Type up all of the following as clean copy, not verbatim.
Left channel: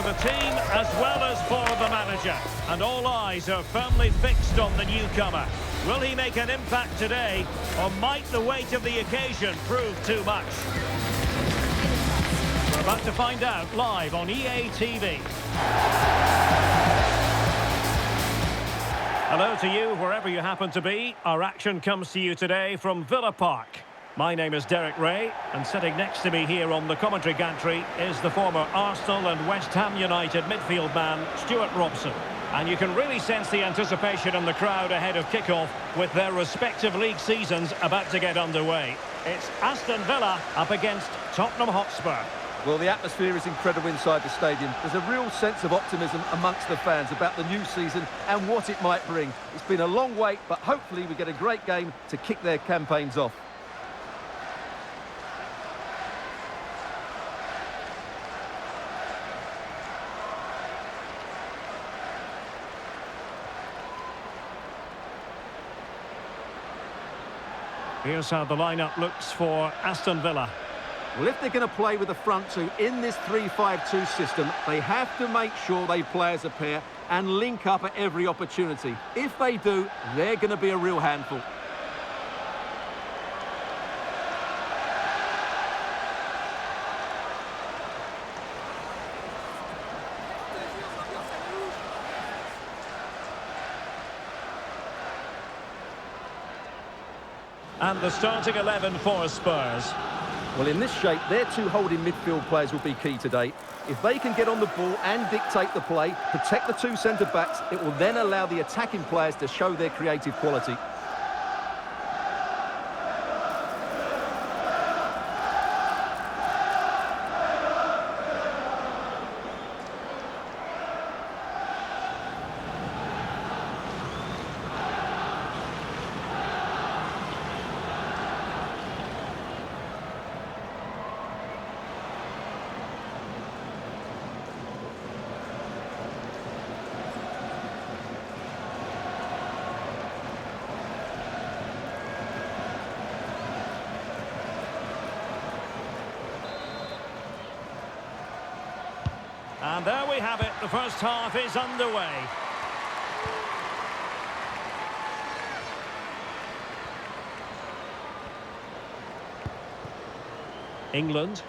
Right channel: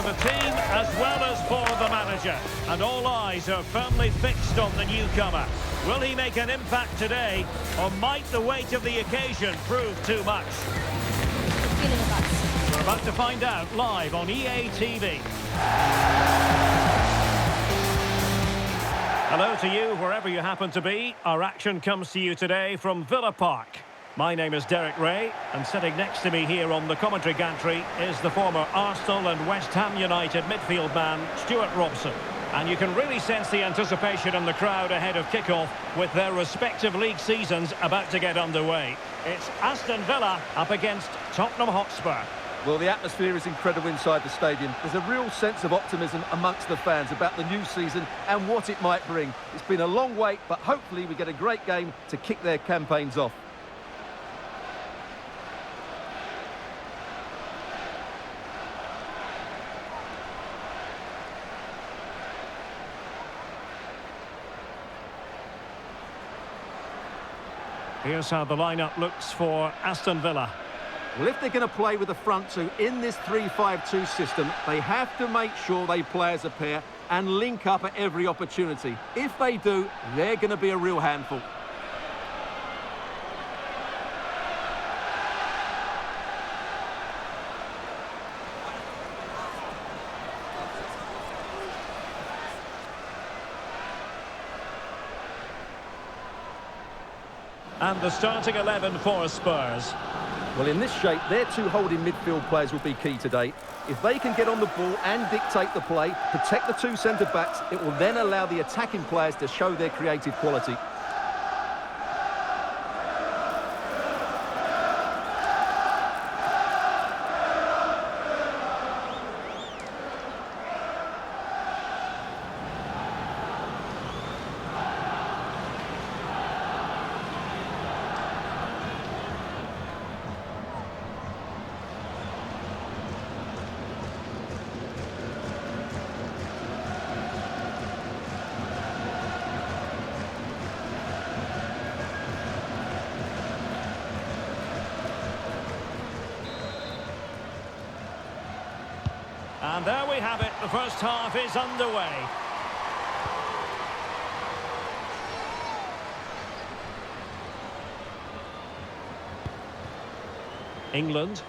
for the team as well as for the manager. And all eyes are firmly fixed on the newcomer. Will he make an impact today, or might the weight of the occasion prove too much? We're about to find out live on EA TV. Hello to you, wherever you happen to be. Our action comes to you today from Villa Park. My name is Derek Ray, and sitting next to me here on the commentary gantry is the former Arsenal and West Ham United midfield man, Stuart Robson. And you can really sense the anticipation in the crowd ahead of kickoff with their respective league seasons about to get underway. It's Aston Villa up against Tottenham Hotspur. Well, the atmosphere is incredible inside the stadium. There's a real sense of optimism amongst the fans about the new season and what it might bring. It's been a long wait, but hopefully we get a great game to kick their campaigns off. Here's how the lineup looks for Aston Villa. Well, if they're going to play with the front two in this 3-5-2 system, they have to make sure they play as a pair and link up at every opportunity. If they do, they're going to be a real handful. And the starting 11 for Spurs. Well, in this shape, their two holding midfield players will be key today. If they can get on the ball and dictate the play, protect the two centre-backs, it will then allow the attacking players to show their creative quality. And there we have it, the first half is underway. England.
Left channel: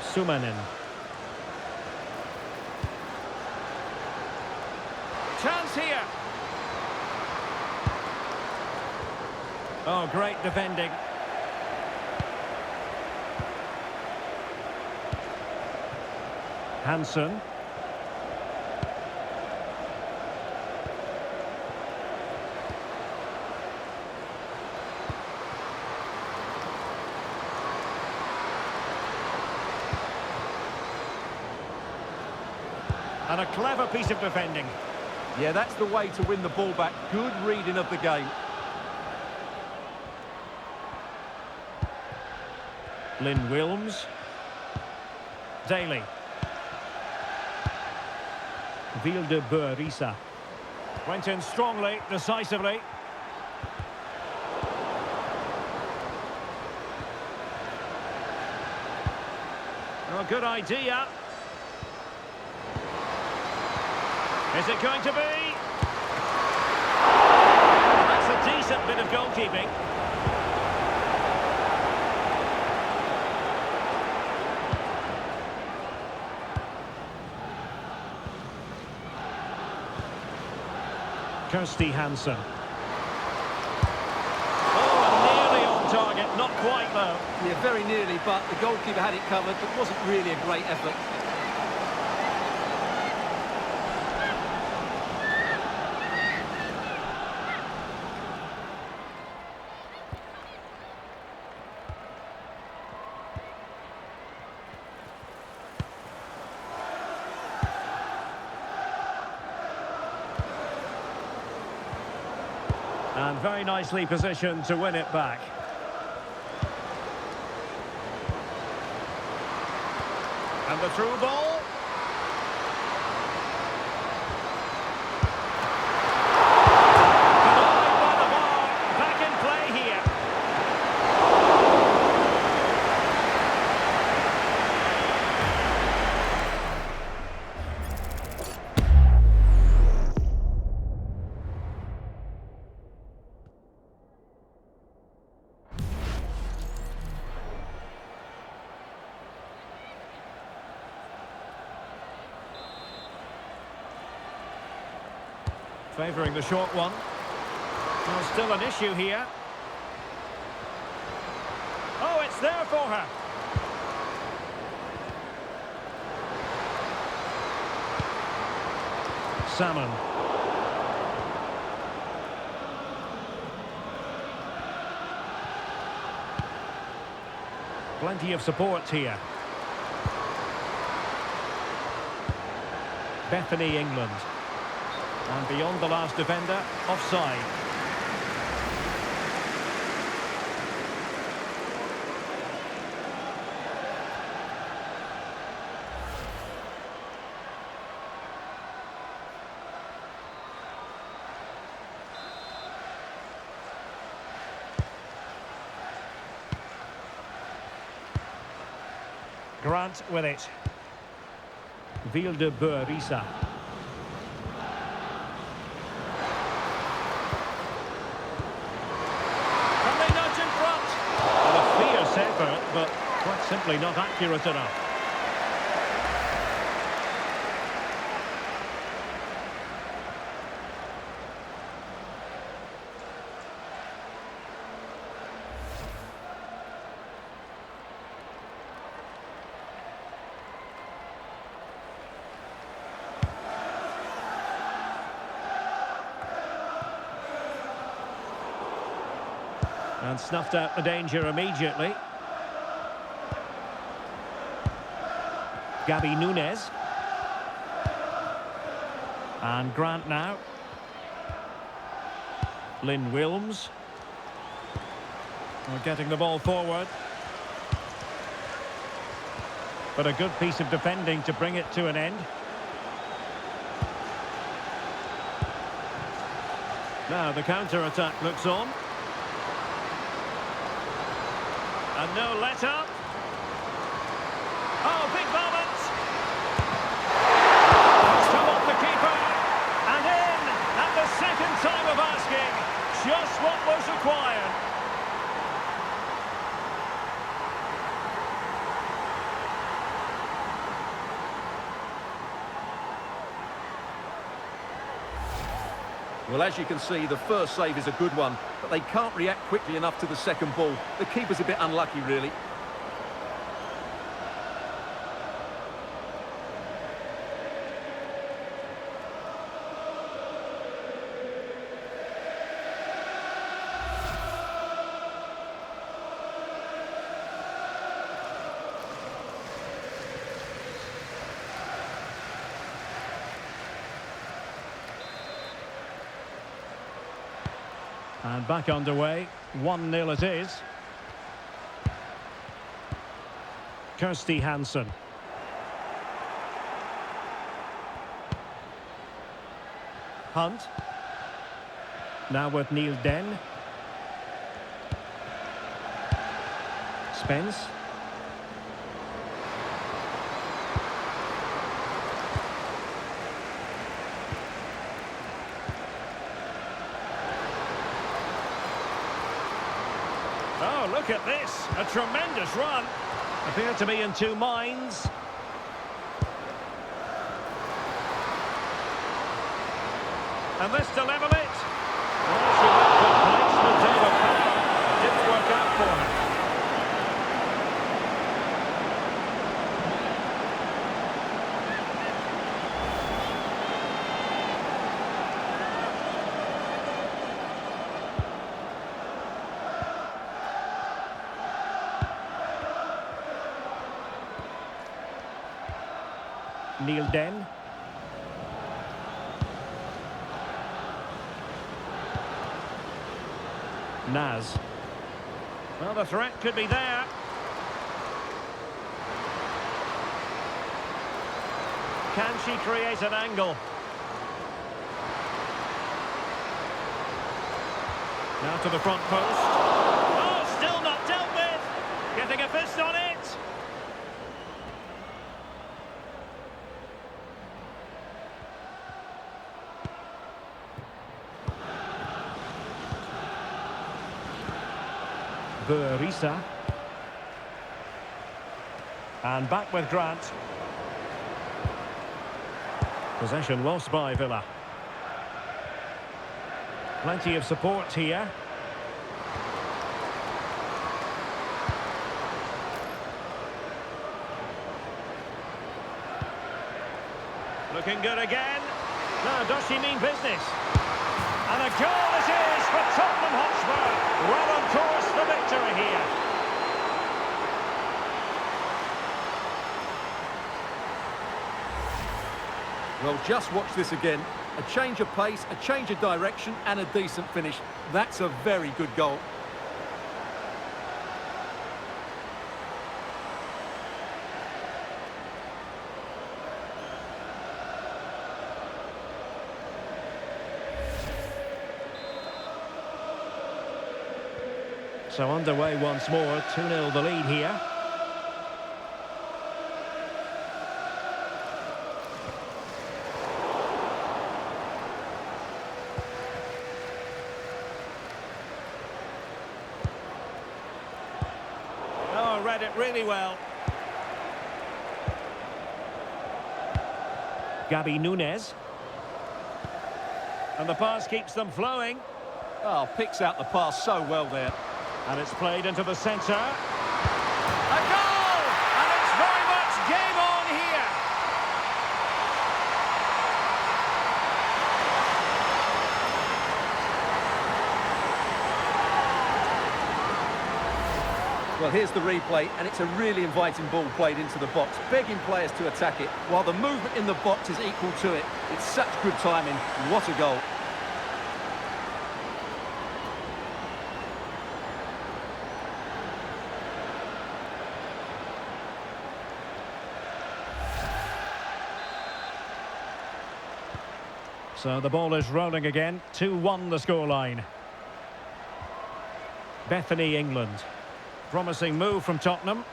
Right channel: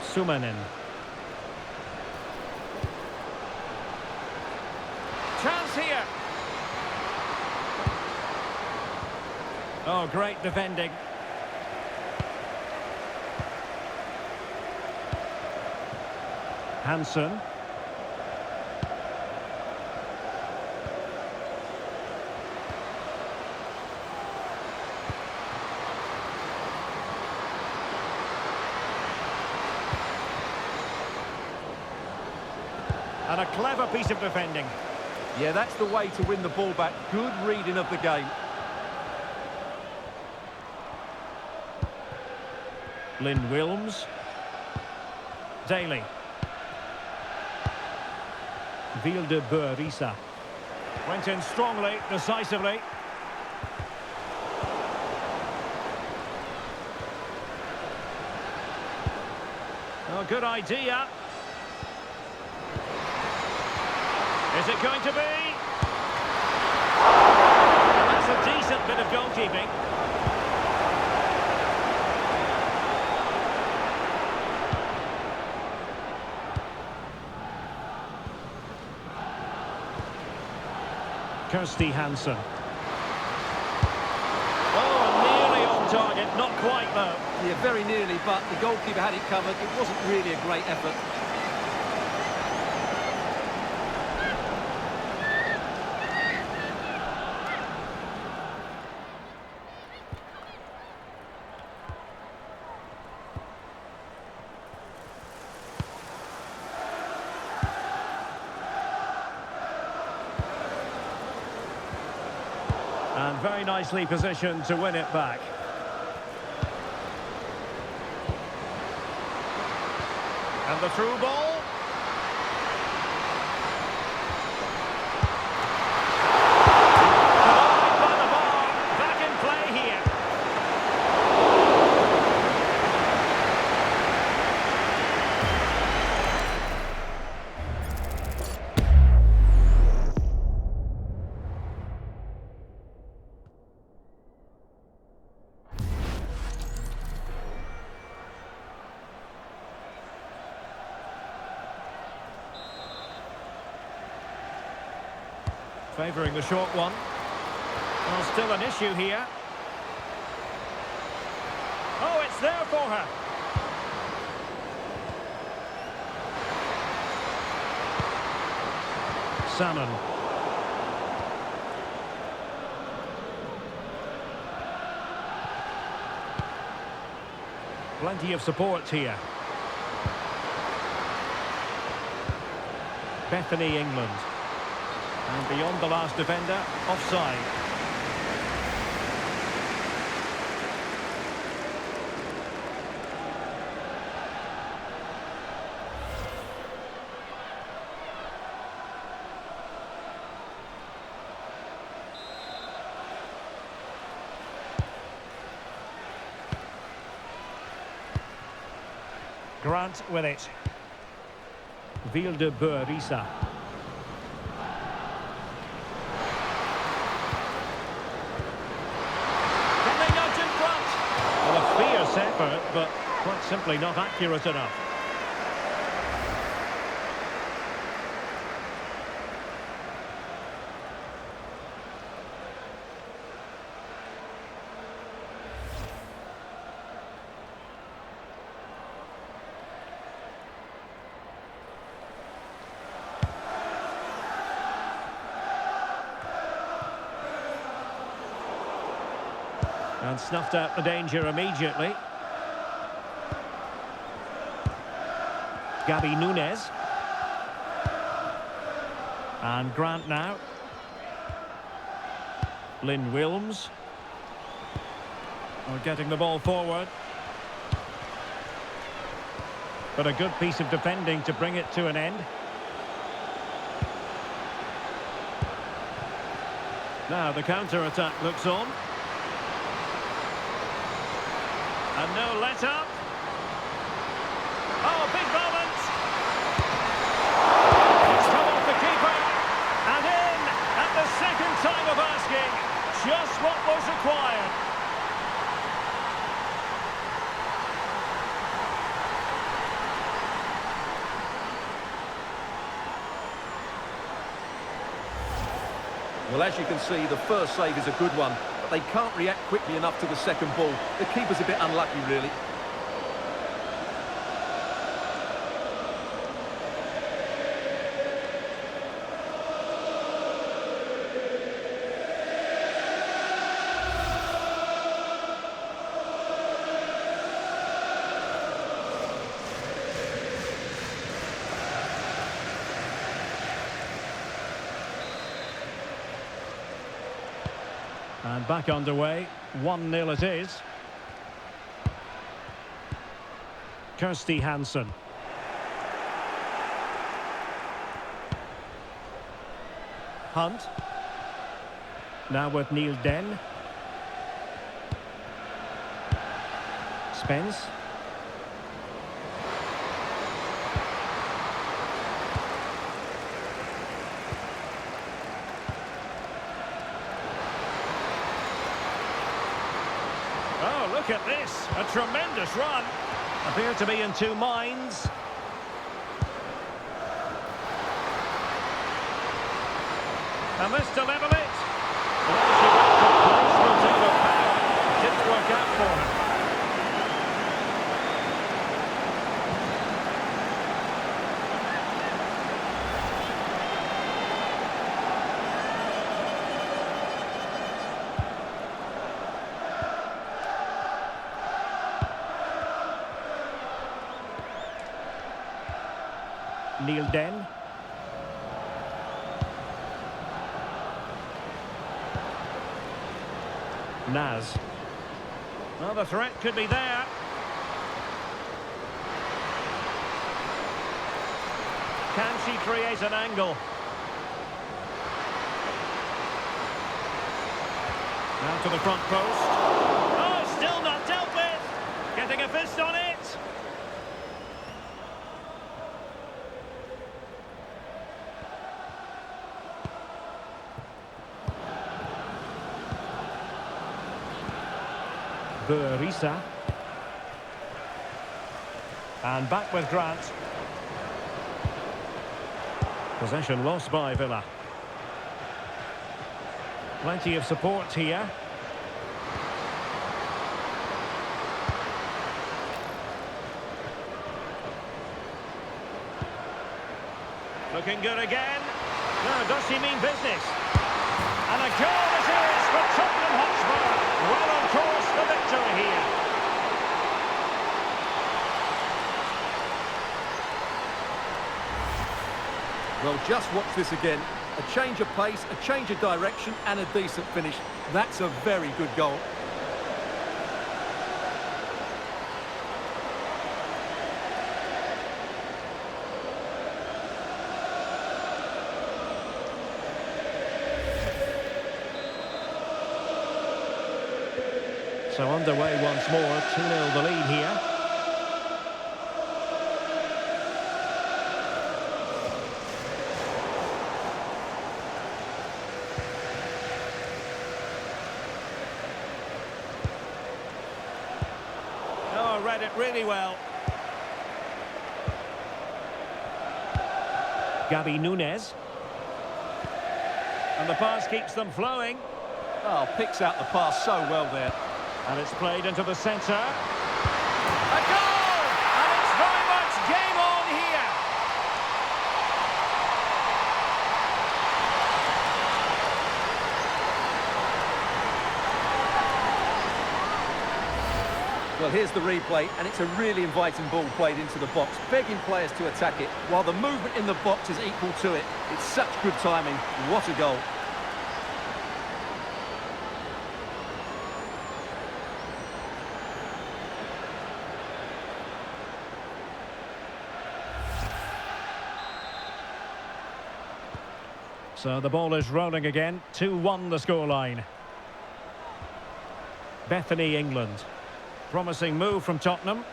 Sumanen. Chance here. Oh, great defending. Hansen. And a clever piece of defending. Yeah, that's the way to win the ball back. Good reading of the game. Lynn Wilms. Daly. Vilde-Bø-Risa. Went in strongly, decisively. Oh, good idea. Is it going to be? And that's a decent bit of goalkeeping. Kirsty Hansen. Oh, and nearly on target. Not quite, though. Yeah, very nearly, but the goalkeeper had it covered. It wasn't really a great effort. And very nicely positioned to win it back. And the through ball. Denied by the bar. Back in play here. Favouring the short one. Well, still an issue here. Oh, it's there for her. Salmon. Plenty of support here. Bethany, England. And beyond the last defender, offside. Grant with it. BENJI-BOY. Can they nudge in front? Well, a fierce effort, but quite simply not accurate enough. And snuffed out the danger immediately. Gabby Nunes. And Grant now. Lynn Wilms. Well, getting the ball forward. But a good piece of defending to bring it to an end. Now the counter-attack looks on. And no let-up. Oh, big moment. It's come off the keeper. And in at the second time of asking. Just what was required. Well, as you can see, the first save is a good one, but they can't react quickly enough to the second ball. The keeper's a bit unlucky, really. And back underway, 1-0 it is. Kirsty Hansen. Hunt. Now with Neil Den. Spence. Oh, look at this. A tremendous run. Appear to be in two minds. And this to level it. Well, she went for placement over power. Didn't work out for her. Neil Den. Naz. Well, the threat could be there. Can she create an angle? Now to the front post. Oh, still not dealt with. Getting a fist on it. BENJI-BOY. And back with Grant. Possession lost by Villa. Plenty of support here. Looking good again. Now, does she mean business? And a goal it is for Tottenham Hotspur. Well on course for victory here. Well, just watch this again. A change of pace, a change of direction, and a decent finish. That's a very good goal. So underway once more, 2-0 the lead here. Oh, read it really well. Gabi Nunes. And the pass keeps them flowing. Oh, picks out the pass so well there. And it's played into the centre. A goal! And it's very much game on here. Well, here's the replay, and it's a really inviting ball played into the box, begging players to attack it, while the movement in the box is equal to it. It's such good timing. What a goal. So the ball is rolling again. 2-1 the scoreline. Bethany, England. Promising move from Tottenham.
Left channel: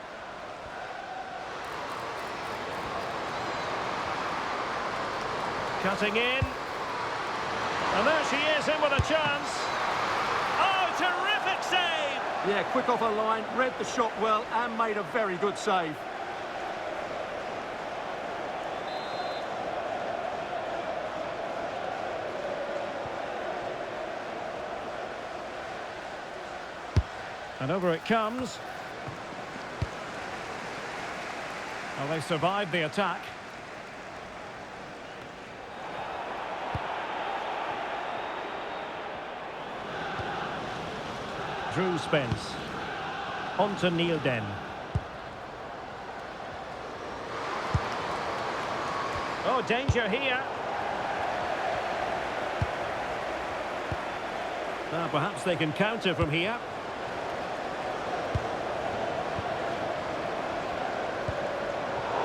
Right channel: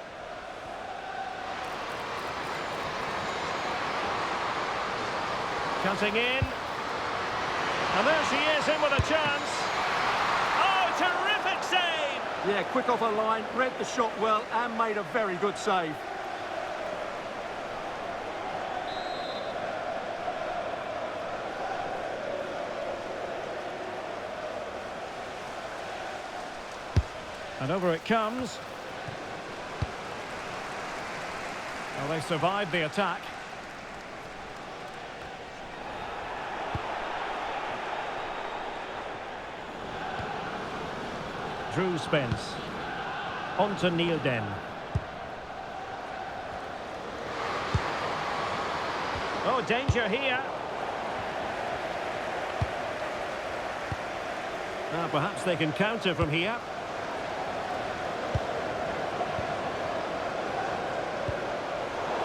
Cutting in. And there she is, in with a chance. Oh, terrific save! Yeah, quick off her line, read the shot well, and made a very good save. And over it comes. Well, they survived the attack. Drew Spence. On to Nielden. Oh, danger here. Now, perhaps they can counter from here.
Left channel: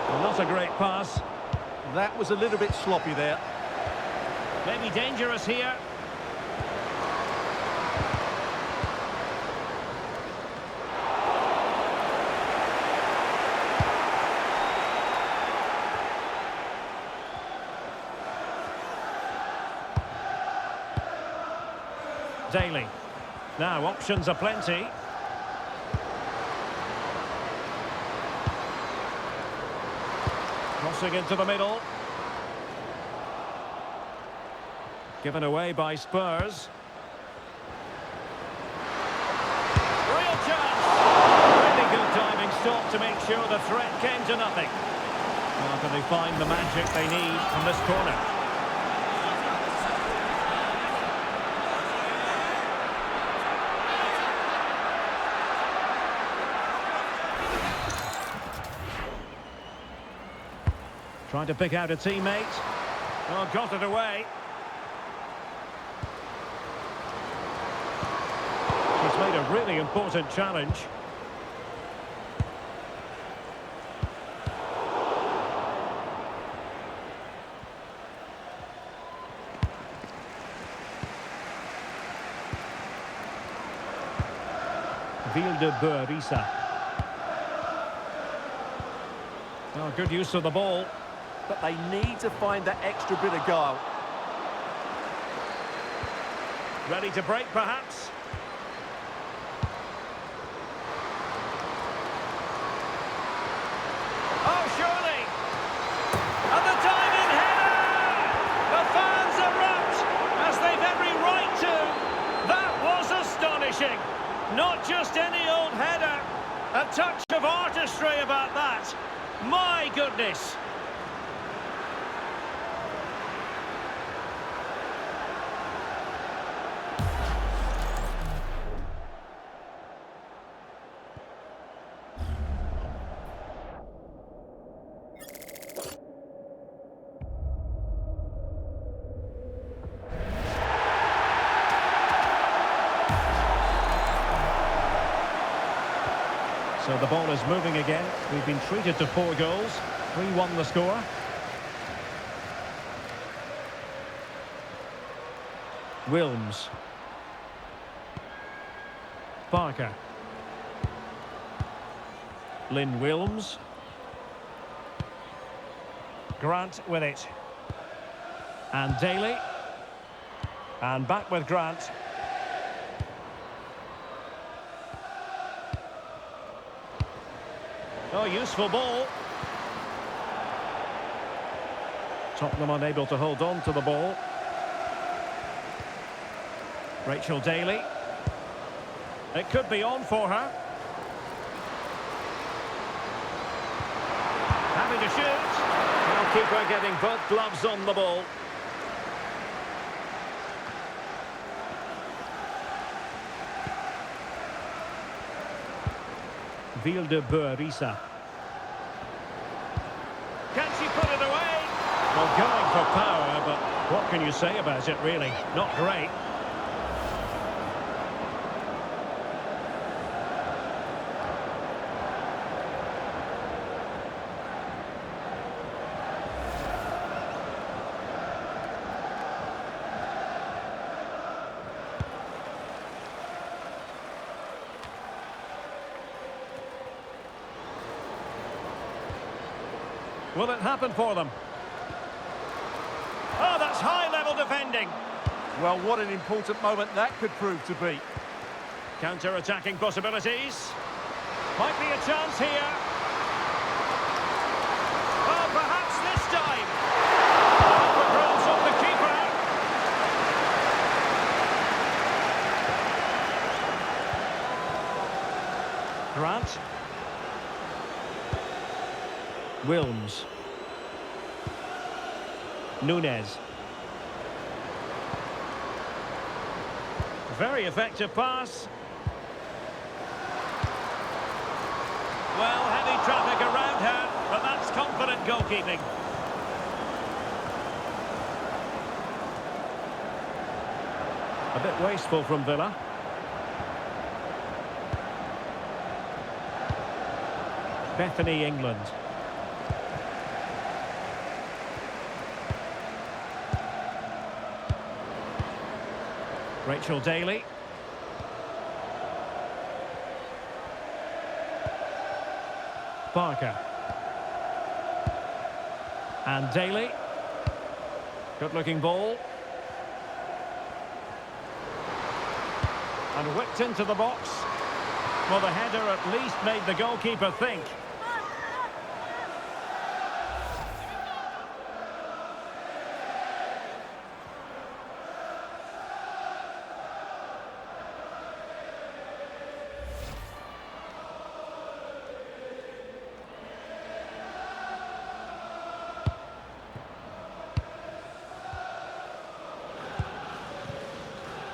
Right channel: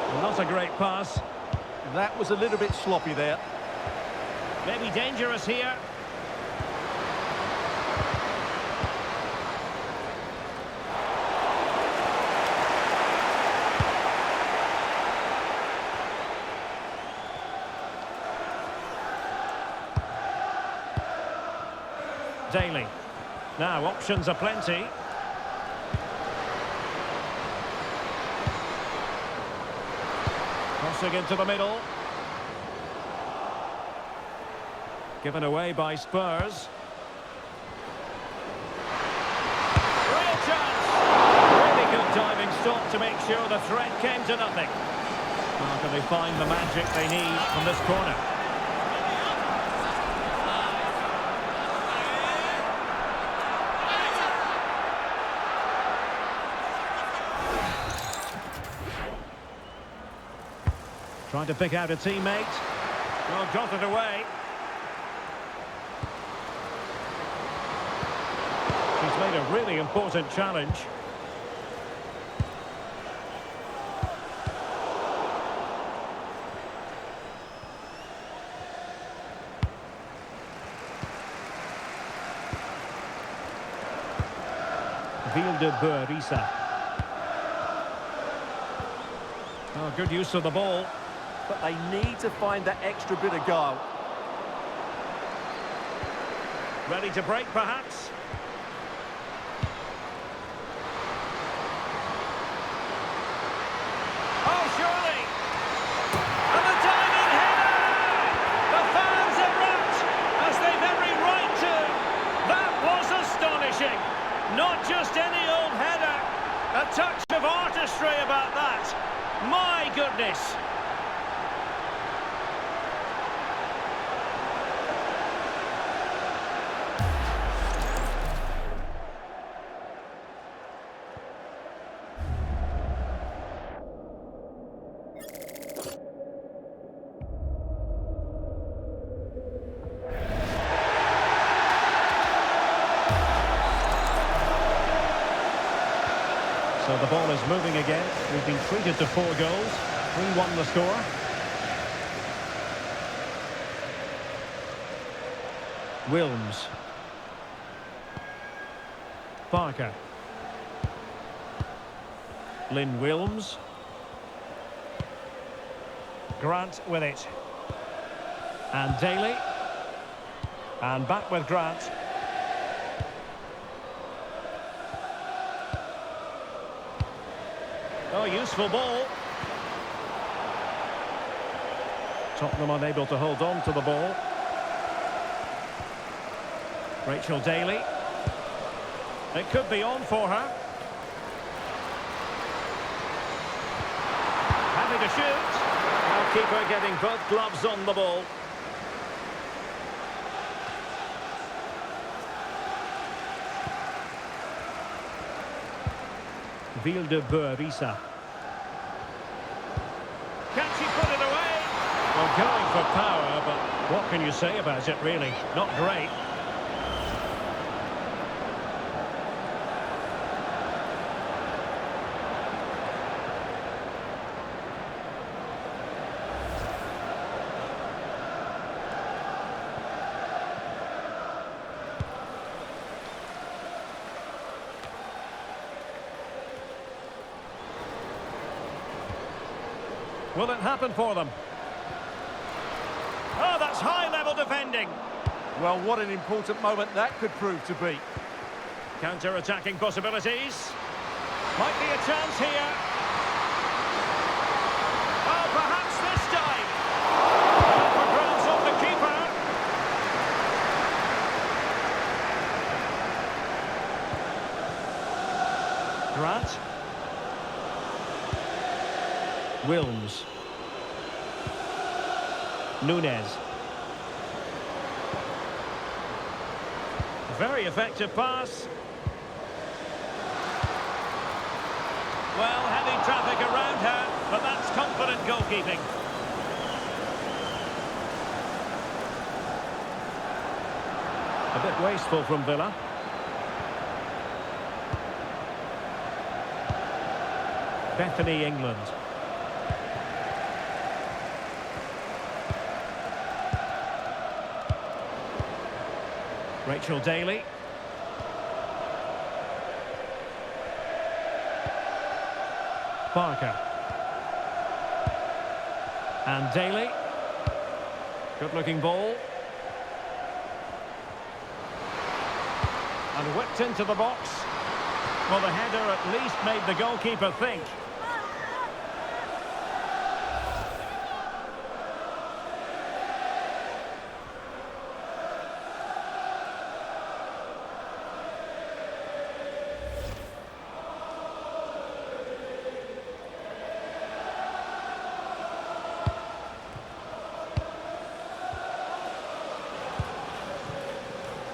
Well, not a great pass. That was a little bit sloppy there. Maybe dangerous here. Daly. Now, options are plenty. Crossing into the middle. Given away by Spurs. Real chance! Really good diving stop to make sure the threat came to nothing. How can they find the magic they need from this corner? Trying to pick out a teammate. Well, got it away. She's made a really important challenge. Vilde-Bø-Risa. Oh, good use of the ball. But they need to find that extra bit of guile. Ready to break, perhaps? Oh, surely! And the diving header! The fans erupt, as they've every right to! finishing. Not just any old header. A touch of artistry about that. My goodness. So the ball is moving again. We've been treated to 4 goals. 3-1 the score. Wilms. Parker. Lynn Wilms. Grant with it. And Daly. And back with Grant. Oh, useful ball. Tottenham unable to hold on to the ball. Rachel Daly. It could be on for her. Happy to shoot. Goalkeeper getting both gloves on the ball. Vilde-Bø-Risa. Can she put it away? Well, going for power, but what can you say about it, really? Not great. Will it happen for them? Oh, that's high-level defending. Well, what an important moment that could prove to be. Counter-attacking possibilities. Might be a chance here. Oh, perhaps this time. Out for grabs off the keeper. Grant. Wilms. Nunez. Very effective pass. Well, heavy traffic around her, but that's confident goalkeeping. A bit wasteful from Villa. Bethany, England. Rachel Daly. Parker. And Daly. Good-looking ball. And whipped into the box. Well, the header at least made the goalkeeper think.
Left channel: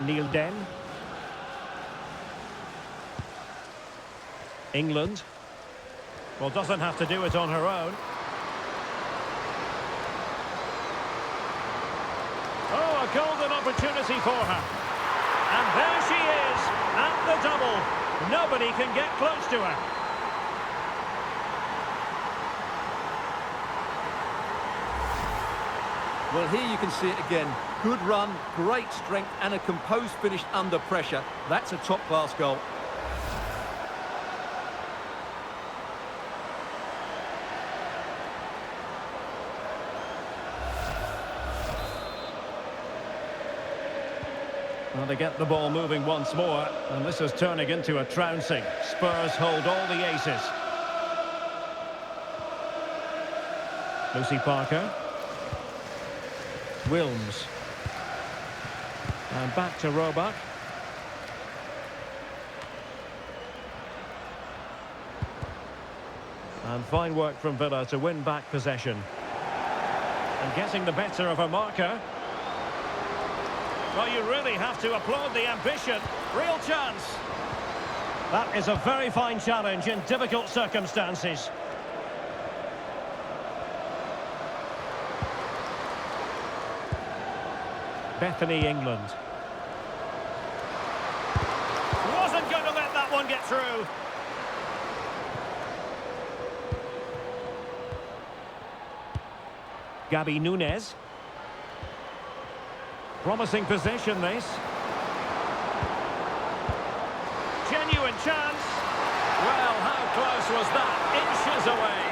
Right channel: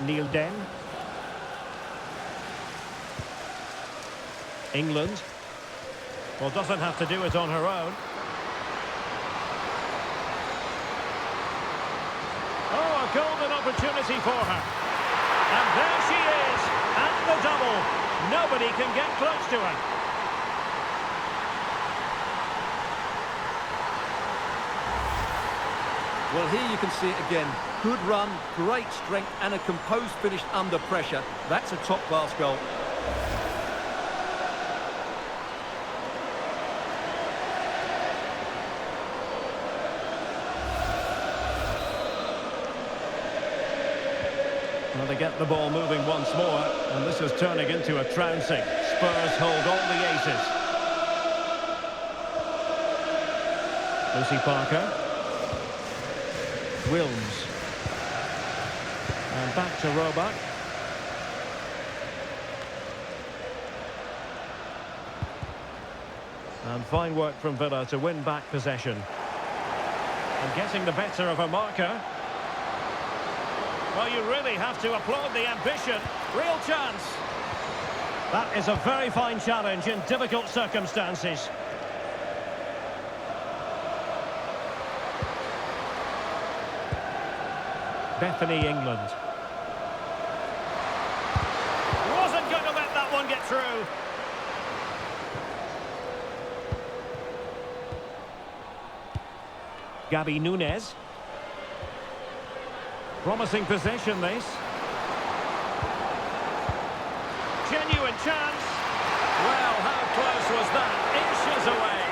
Neil Den. England. Well, doesn't have to do it on her own. Oh, a golden opportunity for her. And there she is, at the double. Nobody can get close to her. Well, here you can see it again. Good run, great strength, and a composed finish under pressure. That's a top-class goal. Well, they get the ball moving once more, and this is turning into a trouncing. Spurs hold all the aces. Lucy Parker. Wilms. And back to Roebuck. And fine work from Villa to win back possession. And getting the better of a marker. Well, you really have to applaud the ambition. Real chance. That is a very fine challenge in difficult circumstances. Bethany, England. Wasn't going to let that one get through. Gabi Nunes. Promising possession, this. Genuine chance. Well, how close was that? Inches away.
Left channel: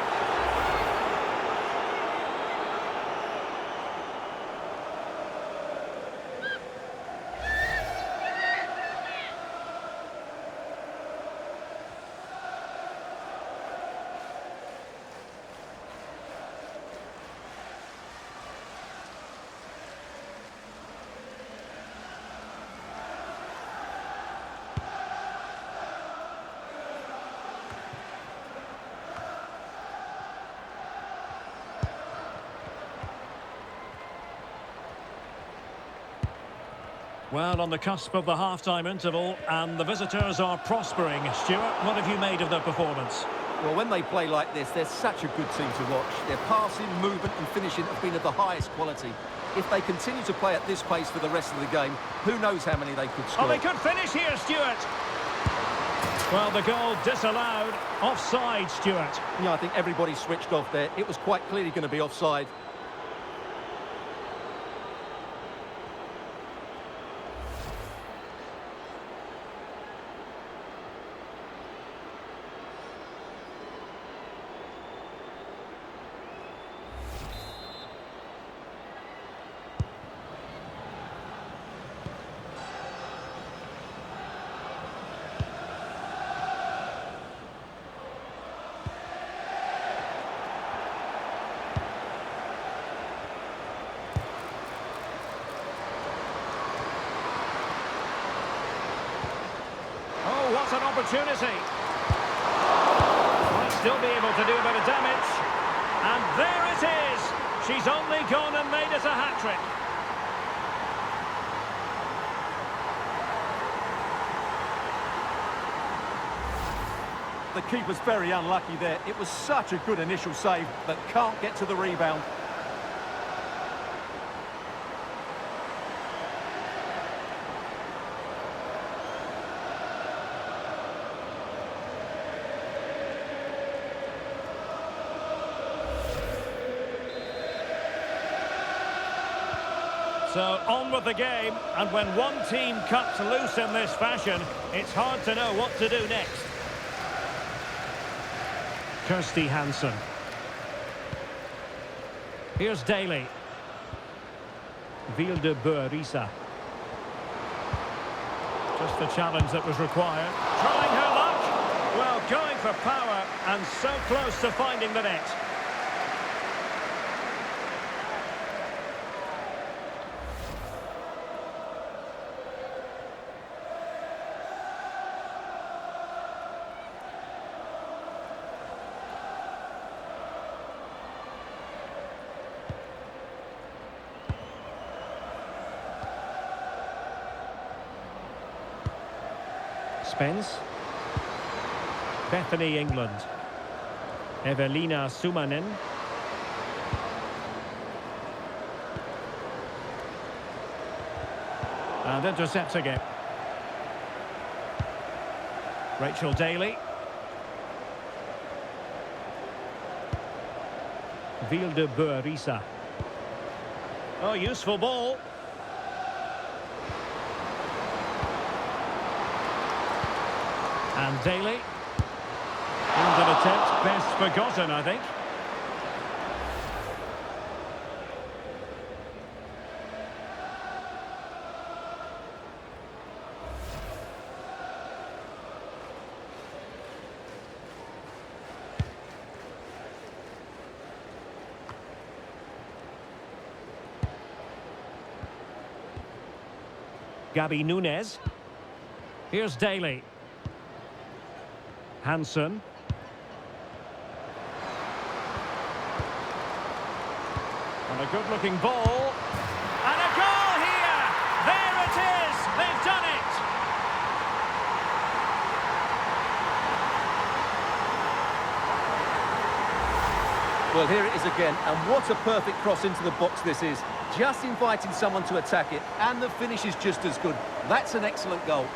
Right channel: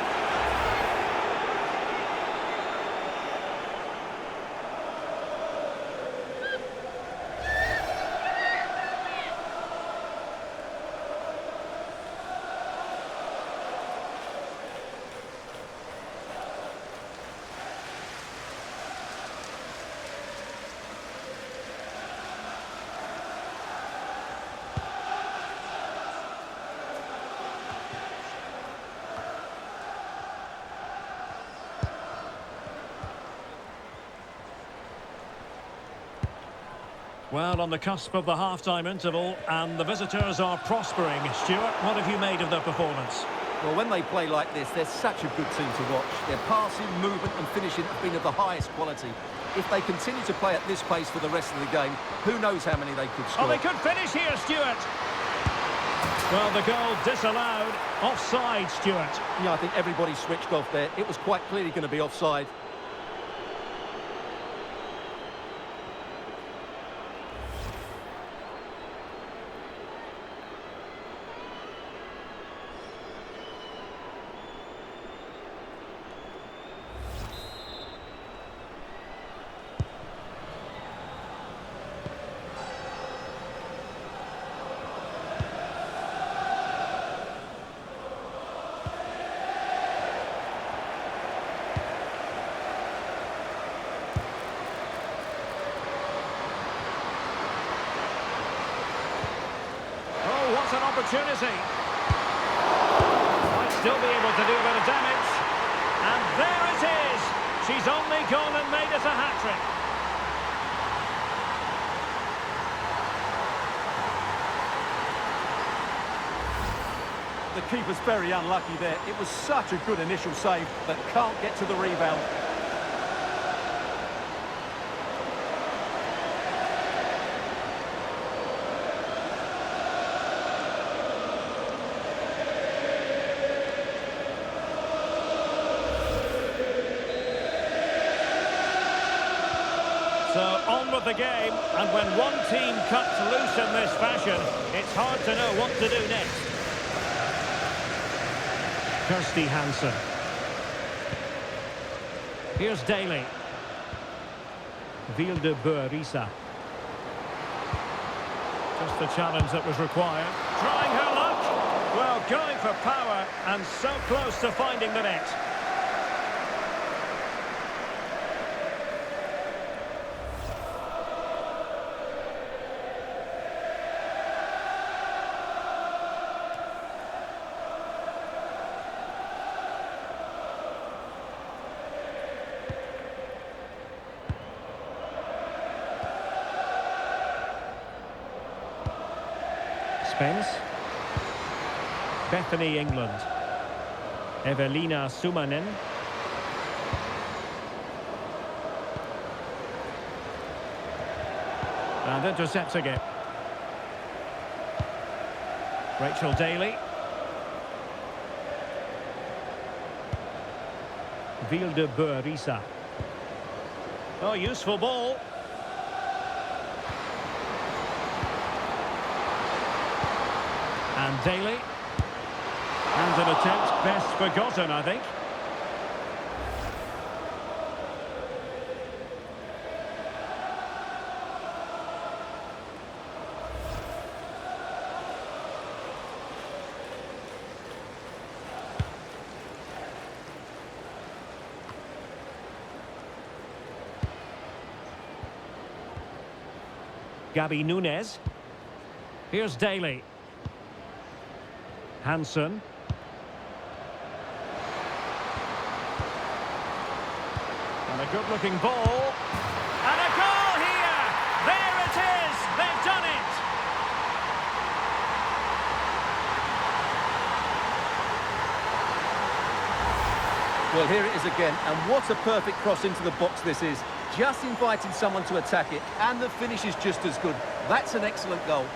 Well, on the cusp of the half-time interval, and the visitors are prospering. Stuart, what have you made of their performance? Well, when they play like this, they're such a good team to watch. Their passing, movement and finishing have been of the highest quality. If they continue to play at this pace for the rest of the game, who knows how many they could score. Oh, they could finish here, Stuart. Well, the goal disallowed. Offside, Stuart. Yeah, I think everybody switched off there. It was quite clearly going to be offside. Oh, what an opportunity. Might still be able to do a bit of damage. And there it is. She's only gone and made it a hat-trick. The keeper's very unlucky there. It was such a good initial save, but can't get to the rebound. So on with the game, and when one team cuts loose in this fashion, it's hard to know what to do next. Kirsty Hansen. Here's Daly. BENJI-BOY. Just the challenge that was required. Trying her luck. Well, going for power and so close to finding the net. Spence. Bethany, England. Evelina Sumanen. And intercepting it. Rachel Daly. BENJI-BOY. Oh, useful ball. And Daly. And an attempt best forgotten, I think. Gabi Nunes. Here's Daly. Hansen. And a good-looking ball. And a goal here! There it is! They've done it! Well, here it is again, and what a perfect cross into the box this is. Just inviting someone to attack it, and the finish is just as good. That's an excellent goal.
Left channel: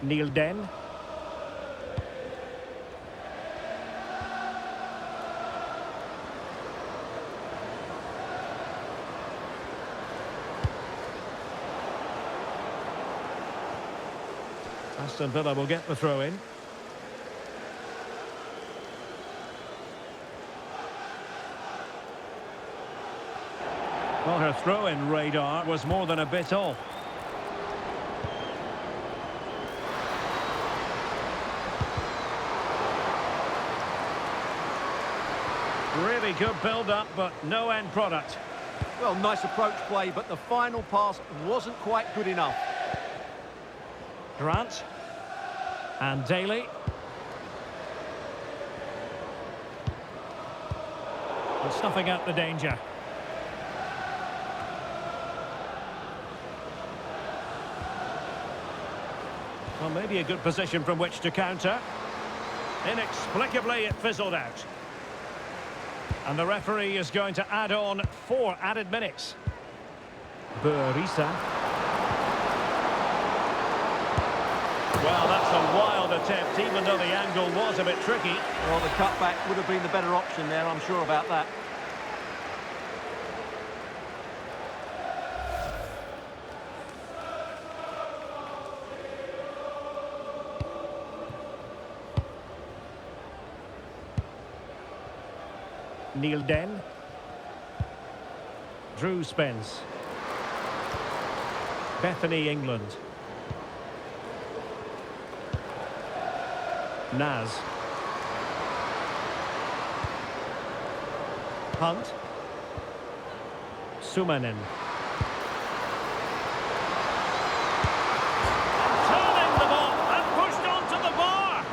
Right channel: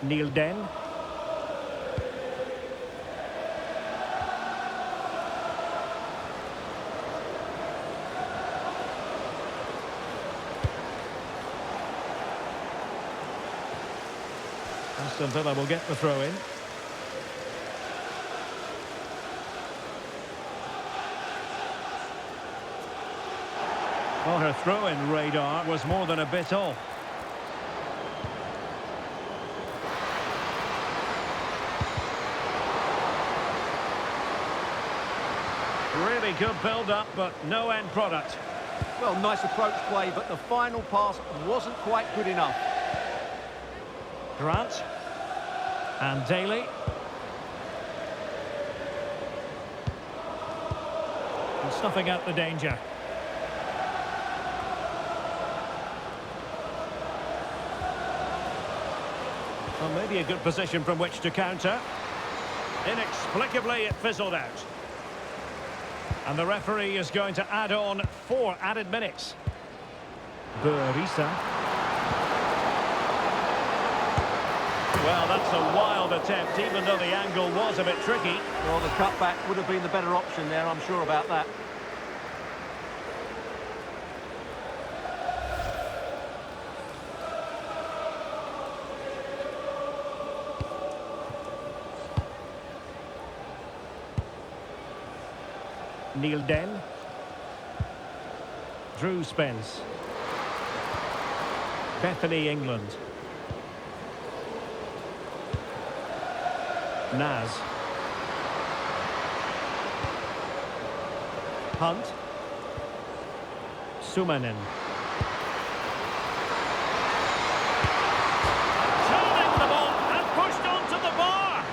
Neil Den. Aston Villa will get the throw in. Well, her throw-in radar was more than a bit off. Really good build-up, but no end product. Well, nice approach play, but the final pass wasn't quite good enough. Grant. And Daly. And snuffing out the danger. Well, maybe a good position from which to counter. Inexplicably, it fizzled out. And the referee is going to add on 4 added minutes. Burisa. Well, that's a wild attempt, even though the angle was a bit tricky. Well, the cutback would have been the better option there, I'm sure about that. Neil Den. Drew Spence. Bethany England. Naz. Hunt. Sumanen. And turning the ball and pushed onto the bar.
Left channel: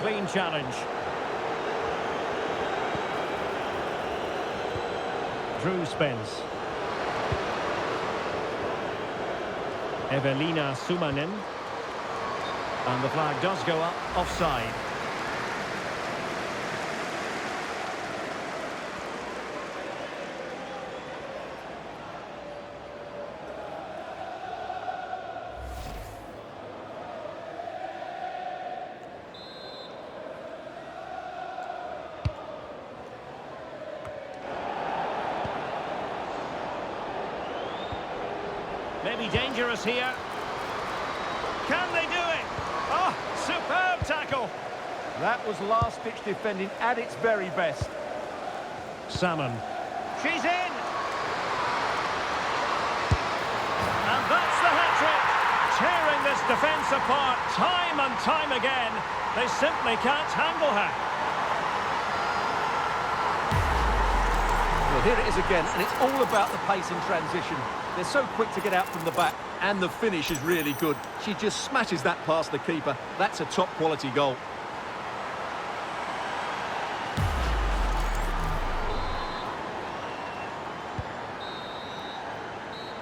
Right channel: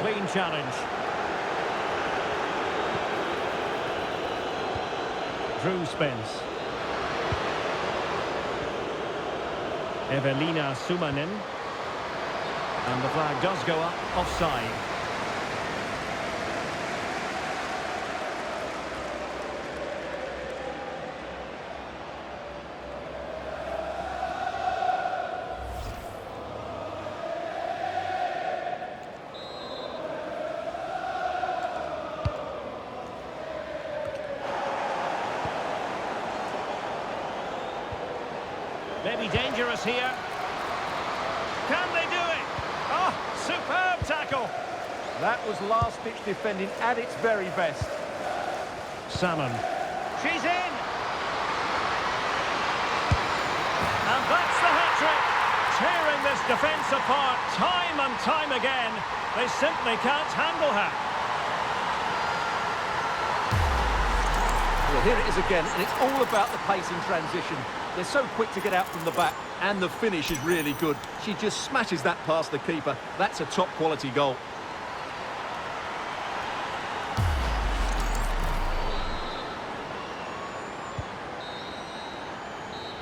Clean challenge. Drew Spence. Evelina Sumanen. And the flag does go up, offside. Maybe dangerous here. Can they do it? Oh, superb tackle. That was last-ditch defending at its very best. Salmon. She's in. And that's the hat-trick. Tearing this defence apart time and time again. They simply can't handle her. Well, here it is again, and it's all about the pace in transition. They're so quick to get out from the back, and the finish is really good. She just smashes that past the keeper. That's a top-quality goal.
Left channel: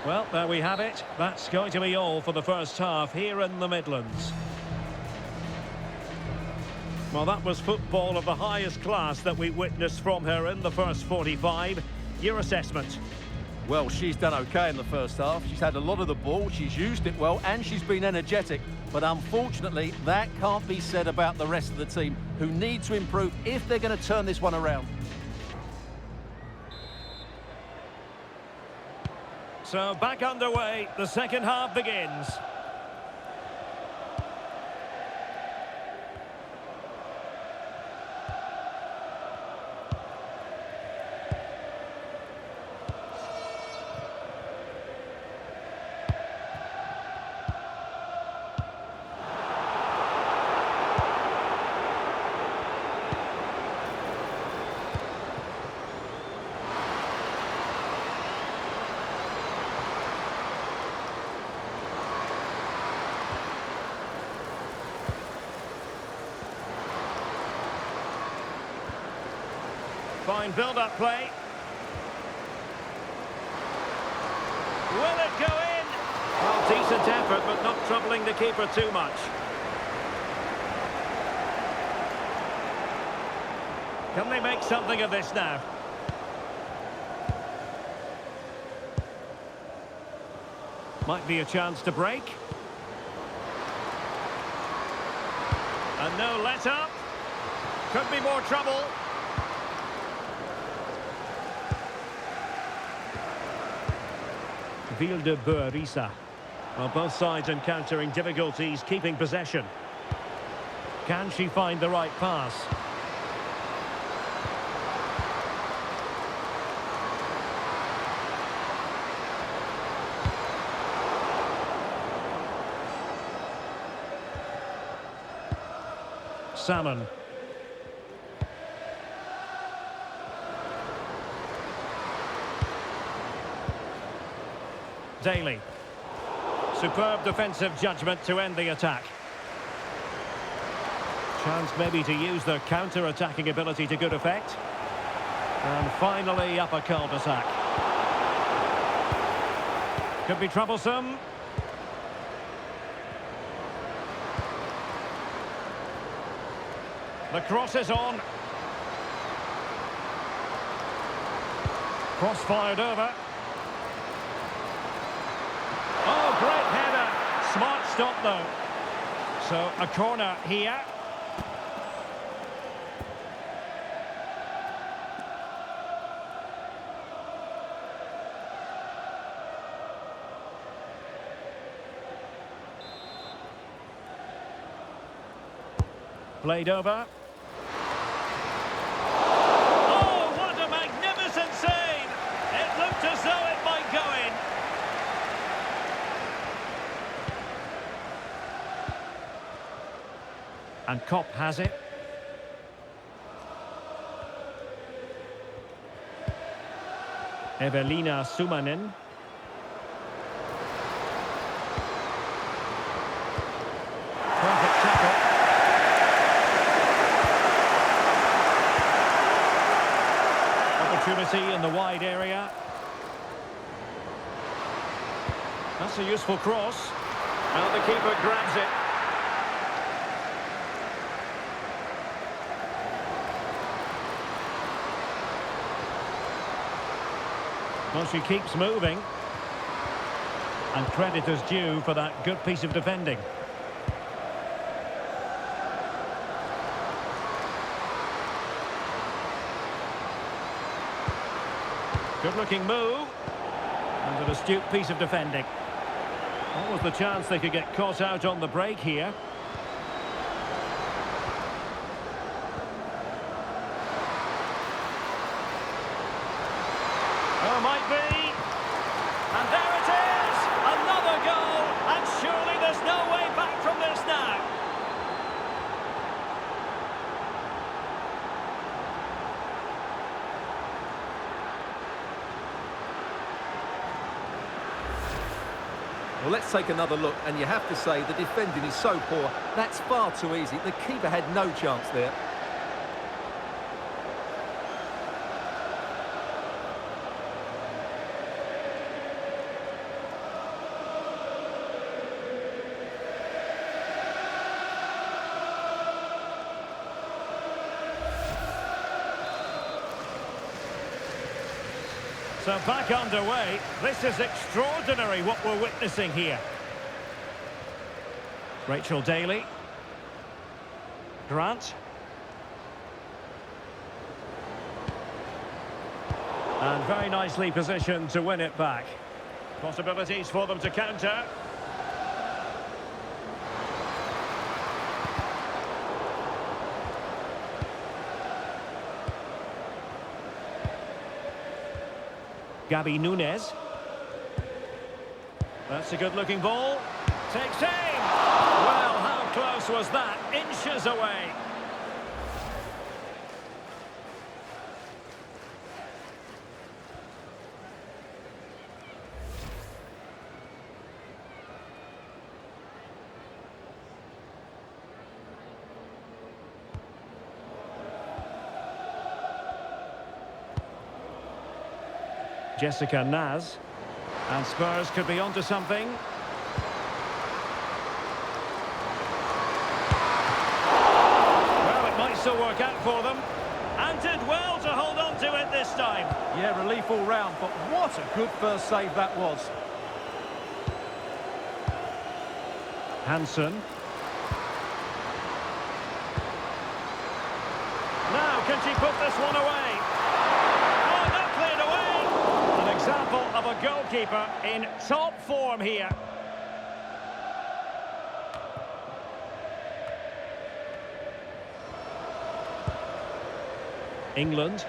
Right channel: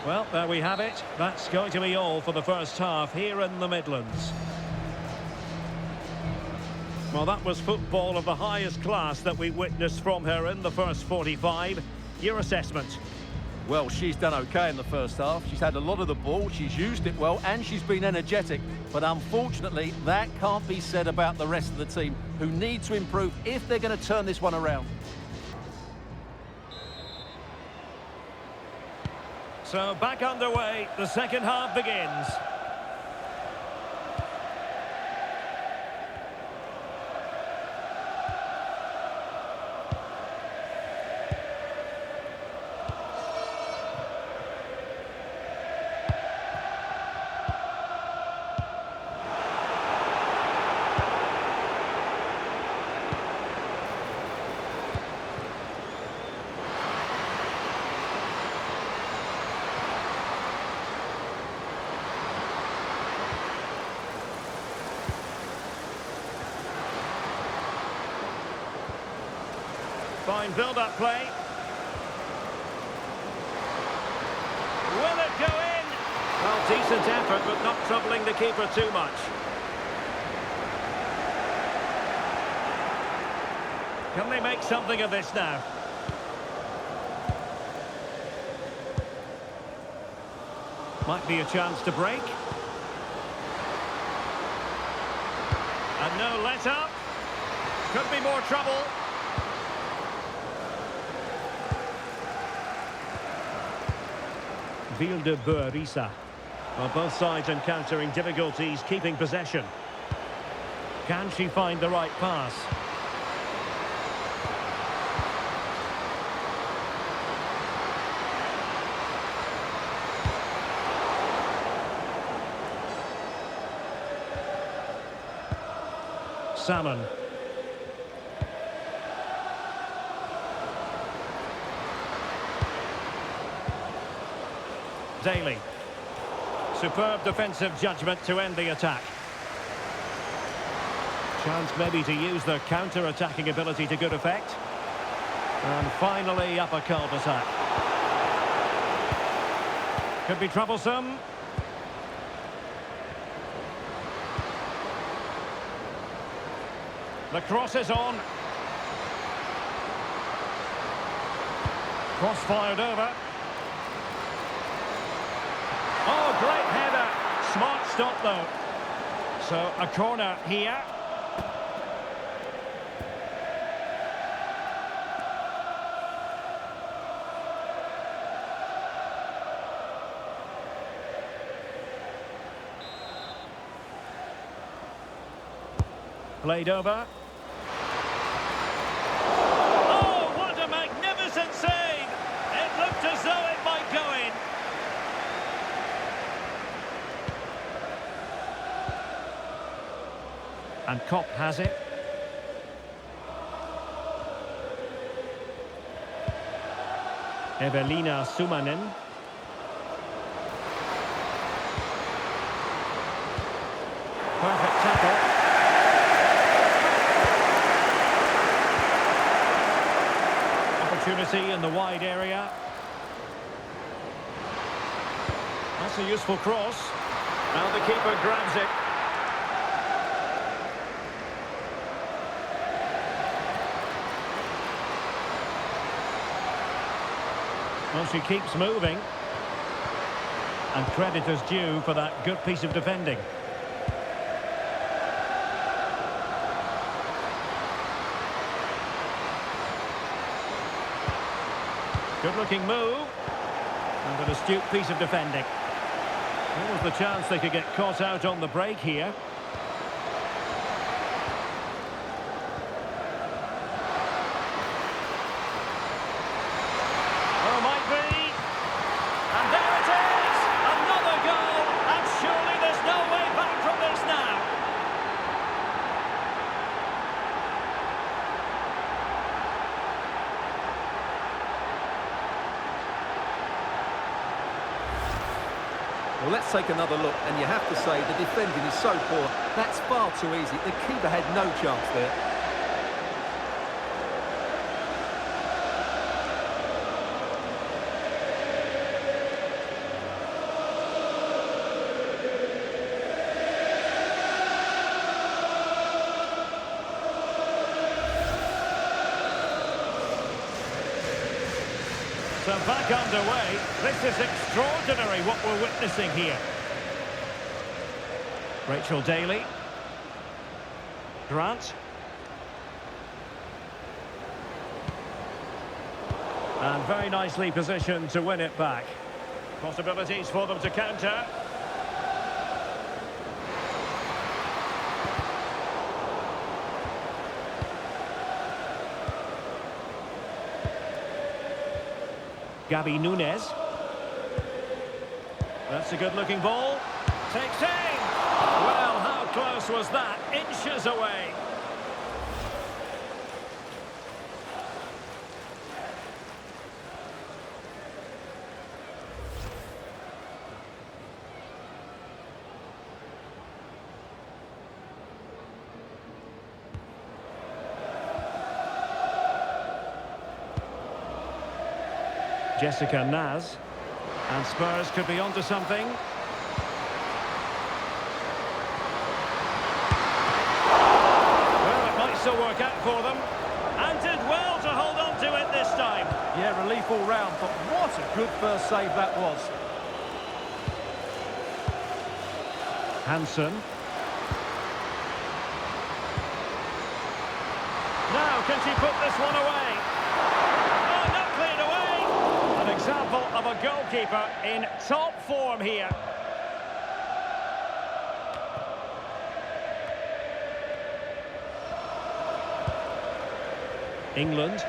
Well, there we have it. That's going to be all for the first half here in the Midlands. Well, that was football of the highest class that we witnessed from her in the first 45. Your assessment? Well, she's done okay in the first half. She's had a lot of the ball, she's used it well, and she's been energetic. But unfortunately, that can't be said about the rest of the team, who need to improve if they're going to turn this one around. So, back underway, the second half begins. Fine build-up play. Will it go in? Well, decent effort, but not troubling the keeper too much. Can they make something of this now? Might be a chance to break. And no let-up. Could be more trouble. BENJI-BOY. Well, both sides encountering difficulties keeping possession. Can she find the right pass? Salmon. Daly. Superb defensive judgment to end the attack. Chance maybe to use the counter-attacking ability to good effect. And finally up a cul-de-sac. Could be troublesome. The cross is on. Cross fired over. Oh, great header. Smart stop, though. So, a corner here. Played over. Oh, what a magnificent save! It looked as though it might go in. And Kopp has it. Evelina Sumanen. Perfect tackle. Opportunity in the wide area. That's a useful cross. Now the keeper grabs it. Well, she keeps moving. And credit is due for that good piece of defending. Good-looking move. And an astute piece of defending. What was the chance they could get caught out on the break here? Oh, might be. And there it is! Another goal! And surely there's no way back from this now. Well, let's take another look, and you have to say the defending is so poor. That's far too easy. The keeper had no chance there. So back underway. This is extraordinary what we're witnessing here. Rachel Daly. Grant. And very nicely positioned to win it back. Possibilities for them to counter. Gabby Nunes. That's a good-looking ball. Takes aim. Well, how close was that? Inches away. Jessica Naz. And Spurs could be onto something. Well, it might still work out for them. And did well to hold on to it this time. Yeah, relief all round, but what a good first save that was. Hansen. Now, can she put this one away? Oh, not cleared away! An example of a goalkeeper in top form here. England.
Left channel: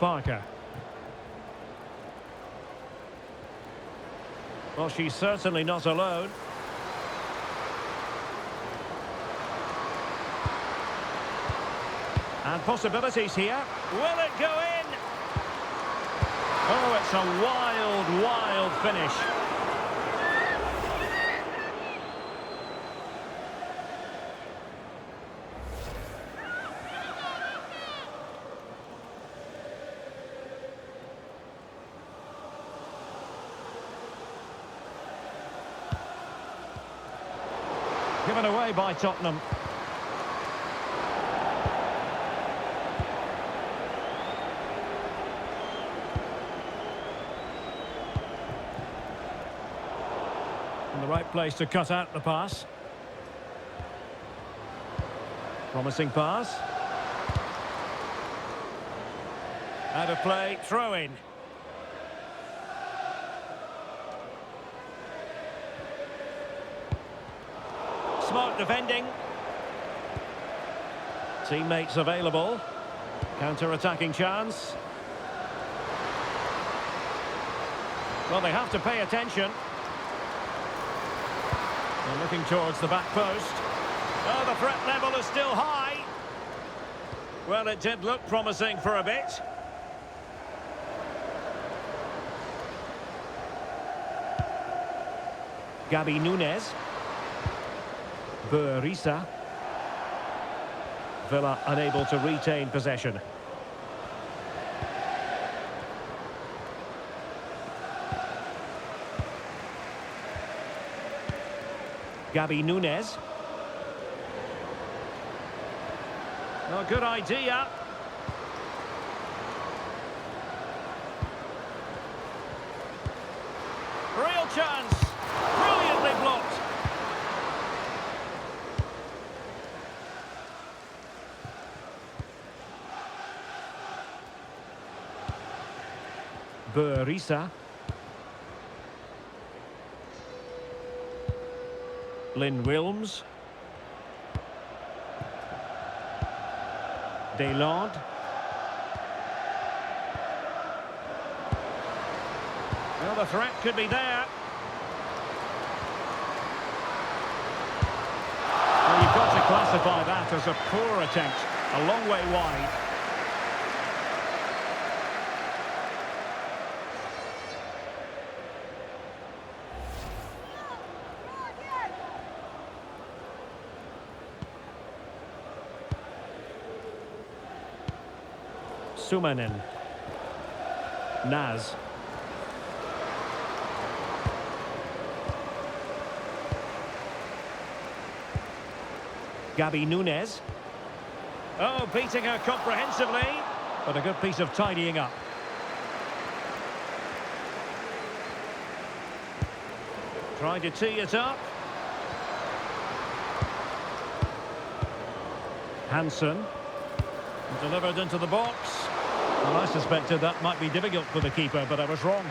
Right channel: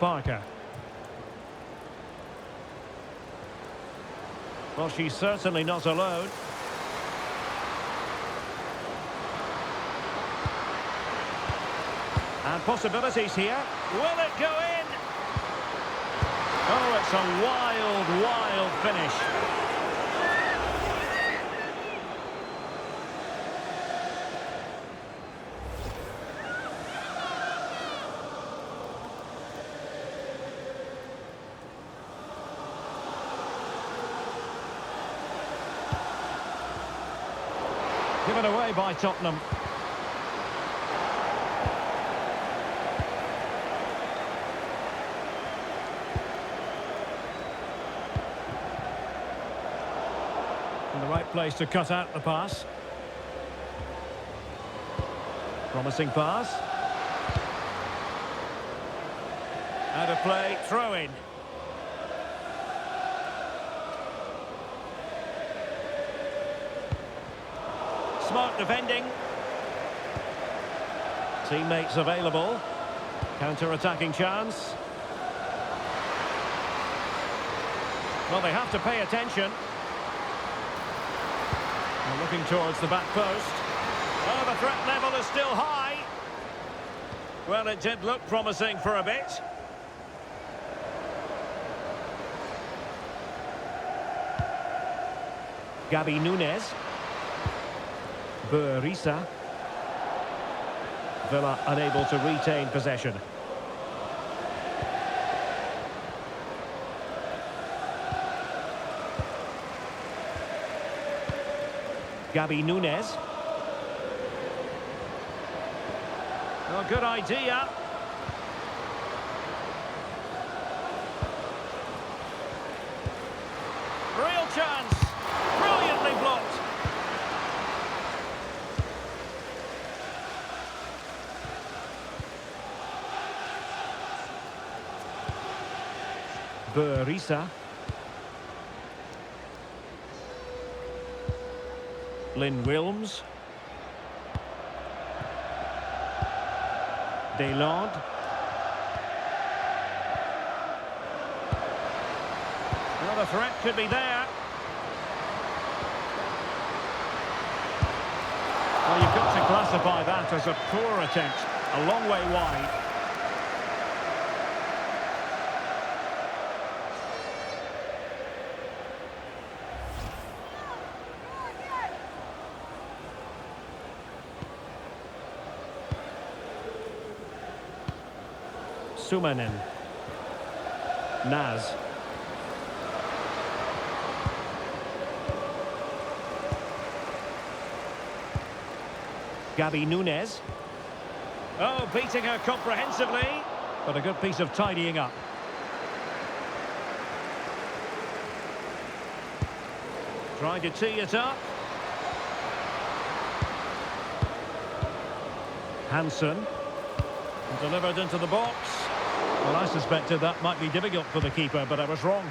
Parker. Well, she's certainly not alone. And possibilities here. Will it go in? Oh, it's a wild, wild finish. Given away by Tottenham. In the right place to cut out the pass. Promising pass. Out of play, throw in. Smart defending. Teammates available. Counter-attacking chance. Well, they have to pay attention. They're looking towards the back post. Oh, the threat level is still high. Well, it did look promising for a bit. Gabi Nunes. Burisa. Villa unable to retain possession. Gabi Nunes. Oh, good idea. Real chance. Brilliantly blocked. Burisa. Lynn Wilms. Delande. Well, the threat could be there. Well, you've got to classify that as a poor attempt. A long way wide. Sumanen. Naz. Gabi Nunes. Oh, beating her comprehensively, but a good piece of tidying up. Trying to tee it up. Hansen. Delivered into the box. Well, I suspected that might be difficult for the keeper, but I was wrong.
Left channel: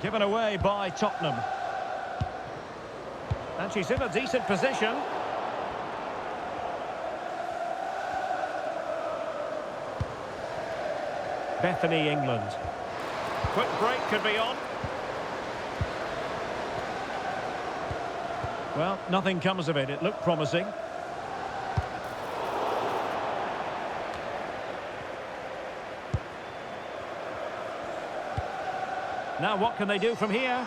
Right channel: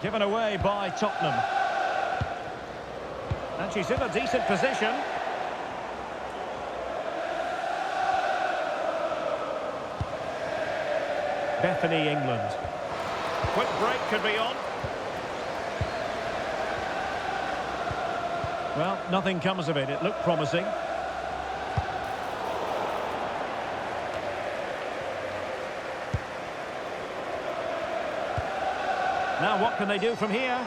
Given away by Tottenham. And she's in a decent position. Bethany, England. Quick break could be on. Well, nothing comes of it. It looked promising. Now what can they do from here?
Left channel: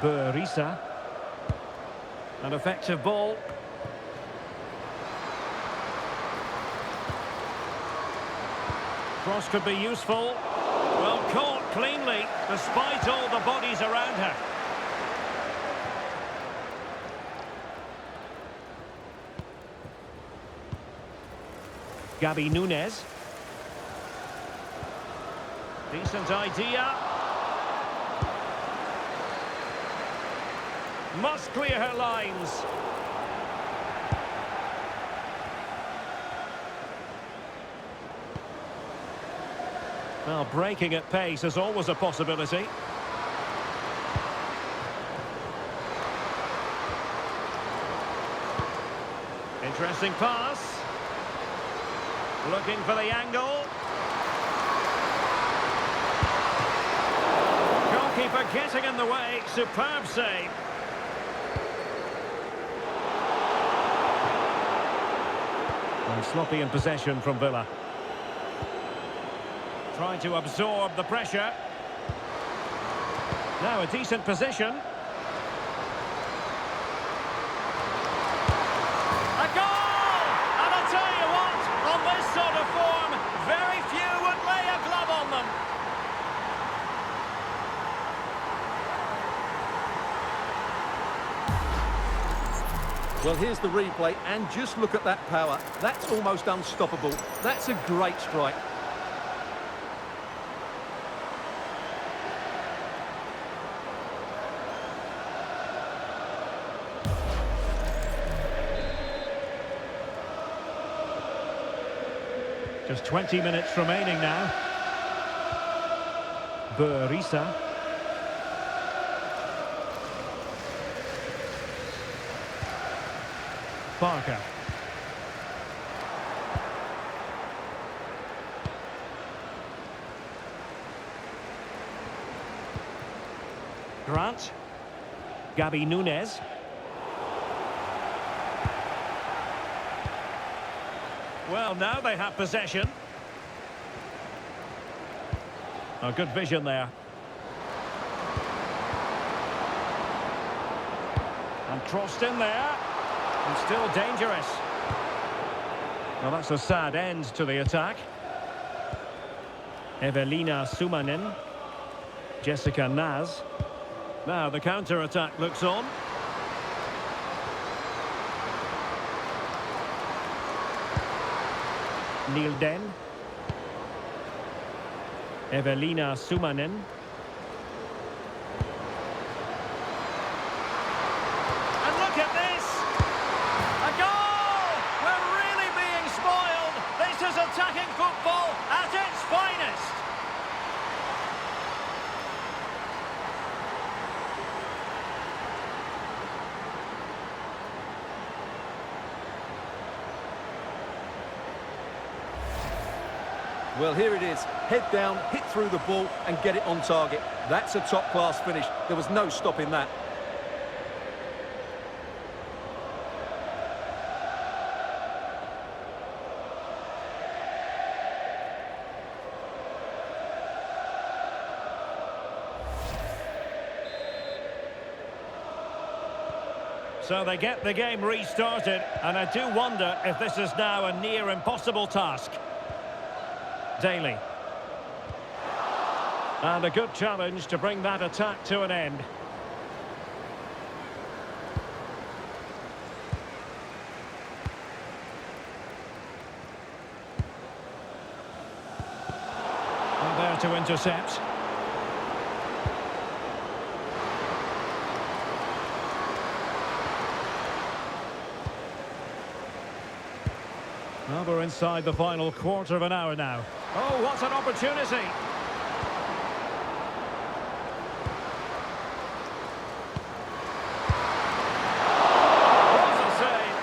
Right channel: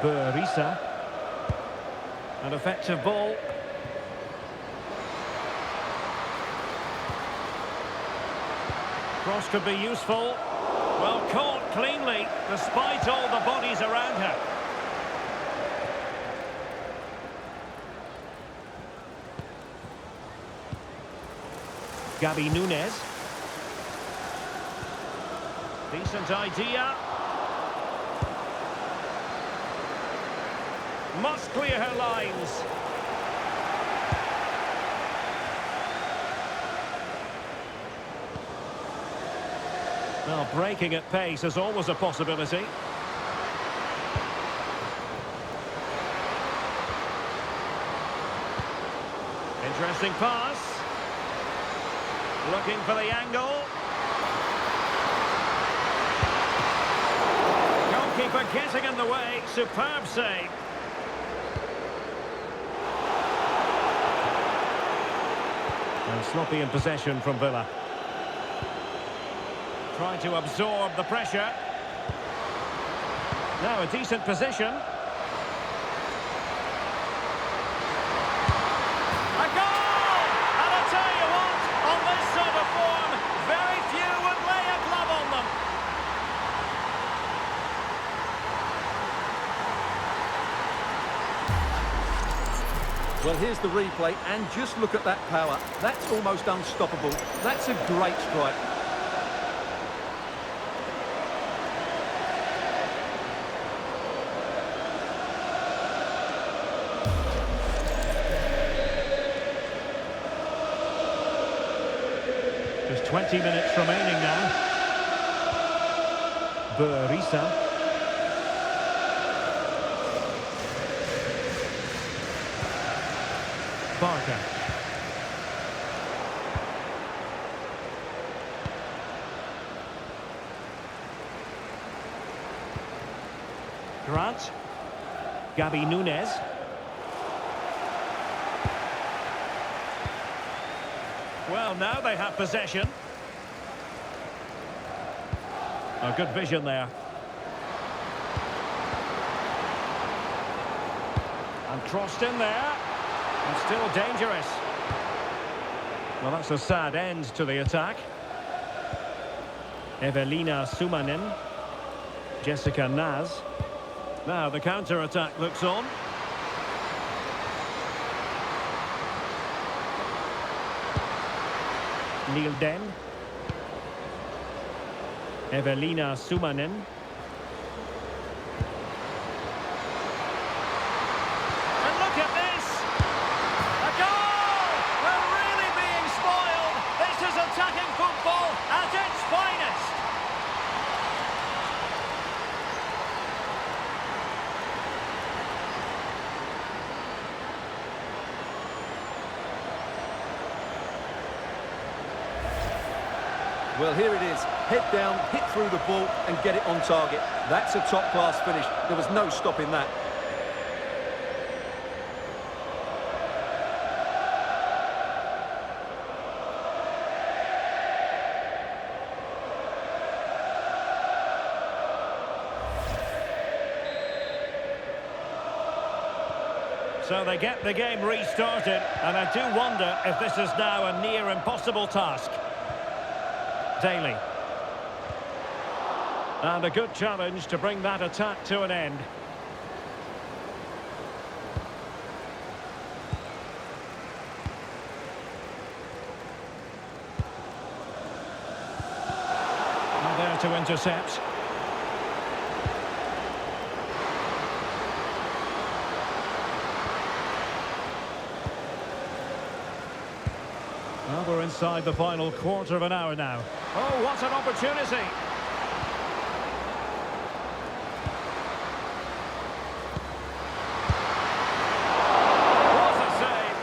Berisa. An effective ball. Cross could be useful. Well caught cleanly, despite all the bodies around her. Gabi Nunes. Decent idea. Must clear her lines. Well, breaking at pace is always a possibility. Interesting pass. Looking for the angle. Goalkeeper getting in the way. Superb save. And sloppy in possession from Villa. Trying to absorb the pressure. Now a decent position. A goal! And I'll tell you what, on this sort of form, very few would lay a glove on them. Well, here's the replay, and just look at that power. That's almost unstoppable. That's a great strike. Just 20 minutes remaining now. Berisa. Barker. Grant. Gabi Nunes. Well, now they have possession. A good vision there. And crossed in there. And still dangerous. Well, that's a sad end to the attack. Evelina Sumanen. Jessica Naz. Now the counter-attack looks on. Neil Den. Evelina Sumanen. And look at this! A goal! We're really being spoiled! This is attacking football at its finest! Well, here it is. Head down, hit through the ball and get it on target. That's a top-class finish. There was no stopping that. So they get the game restarted, and I do wonder if this is now a near impossible task. Daly. And a good challenge to bring that attack to an end. And there to intercept. Well, we're inside the final quarter of an hour now. Oh, what an opportunity! What a save!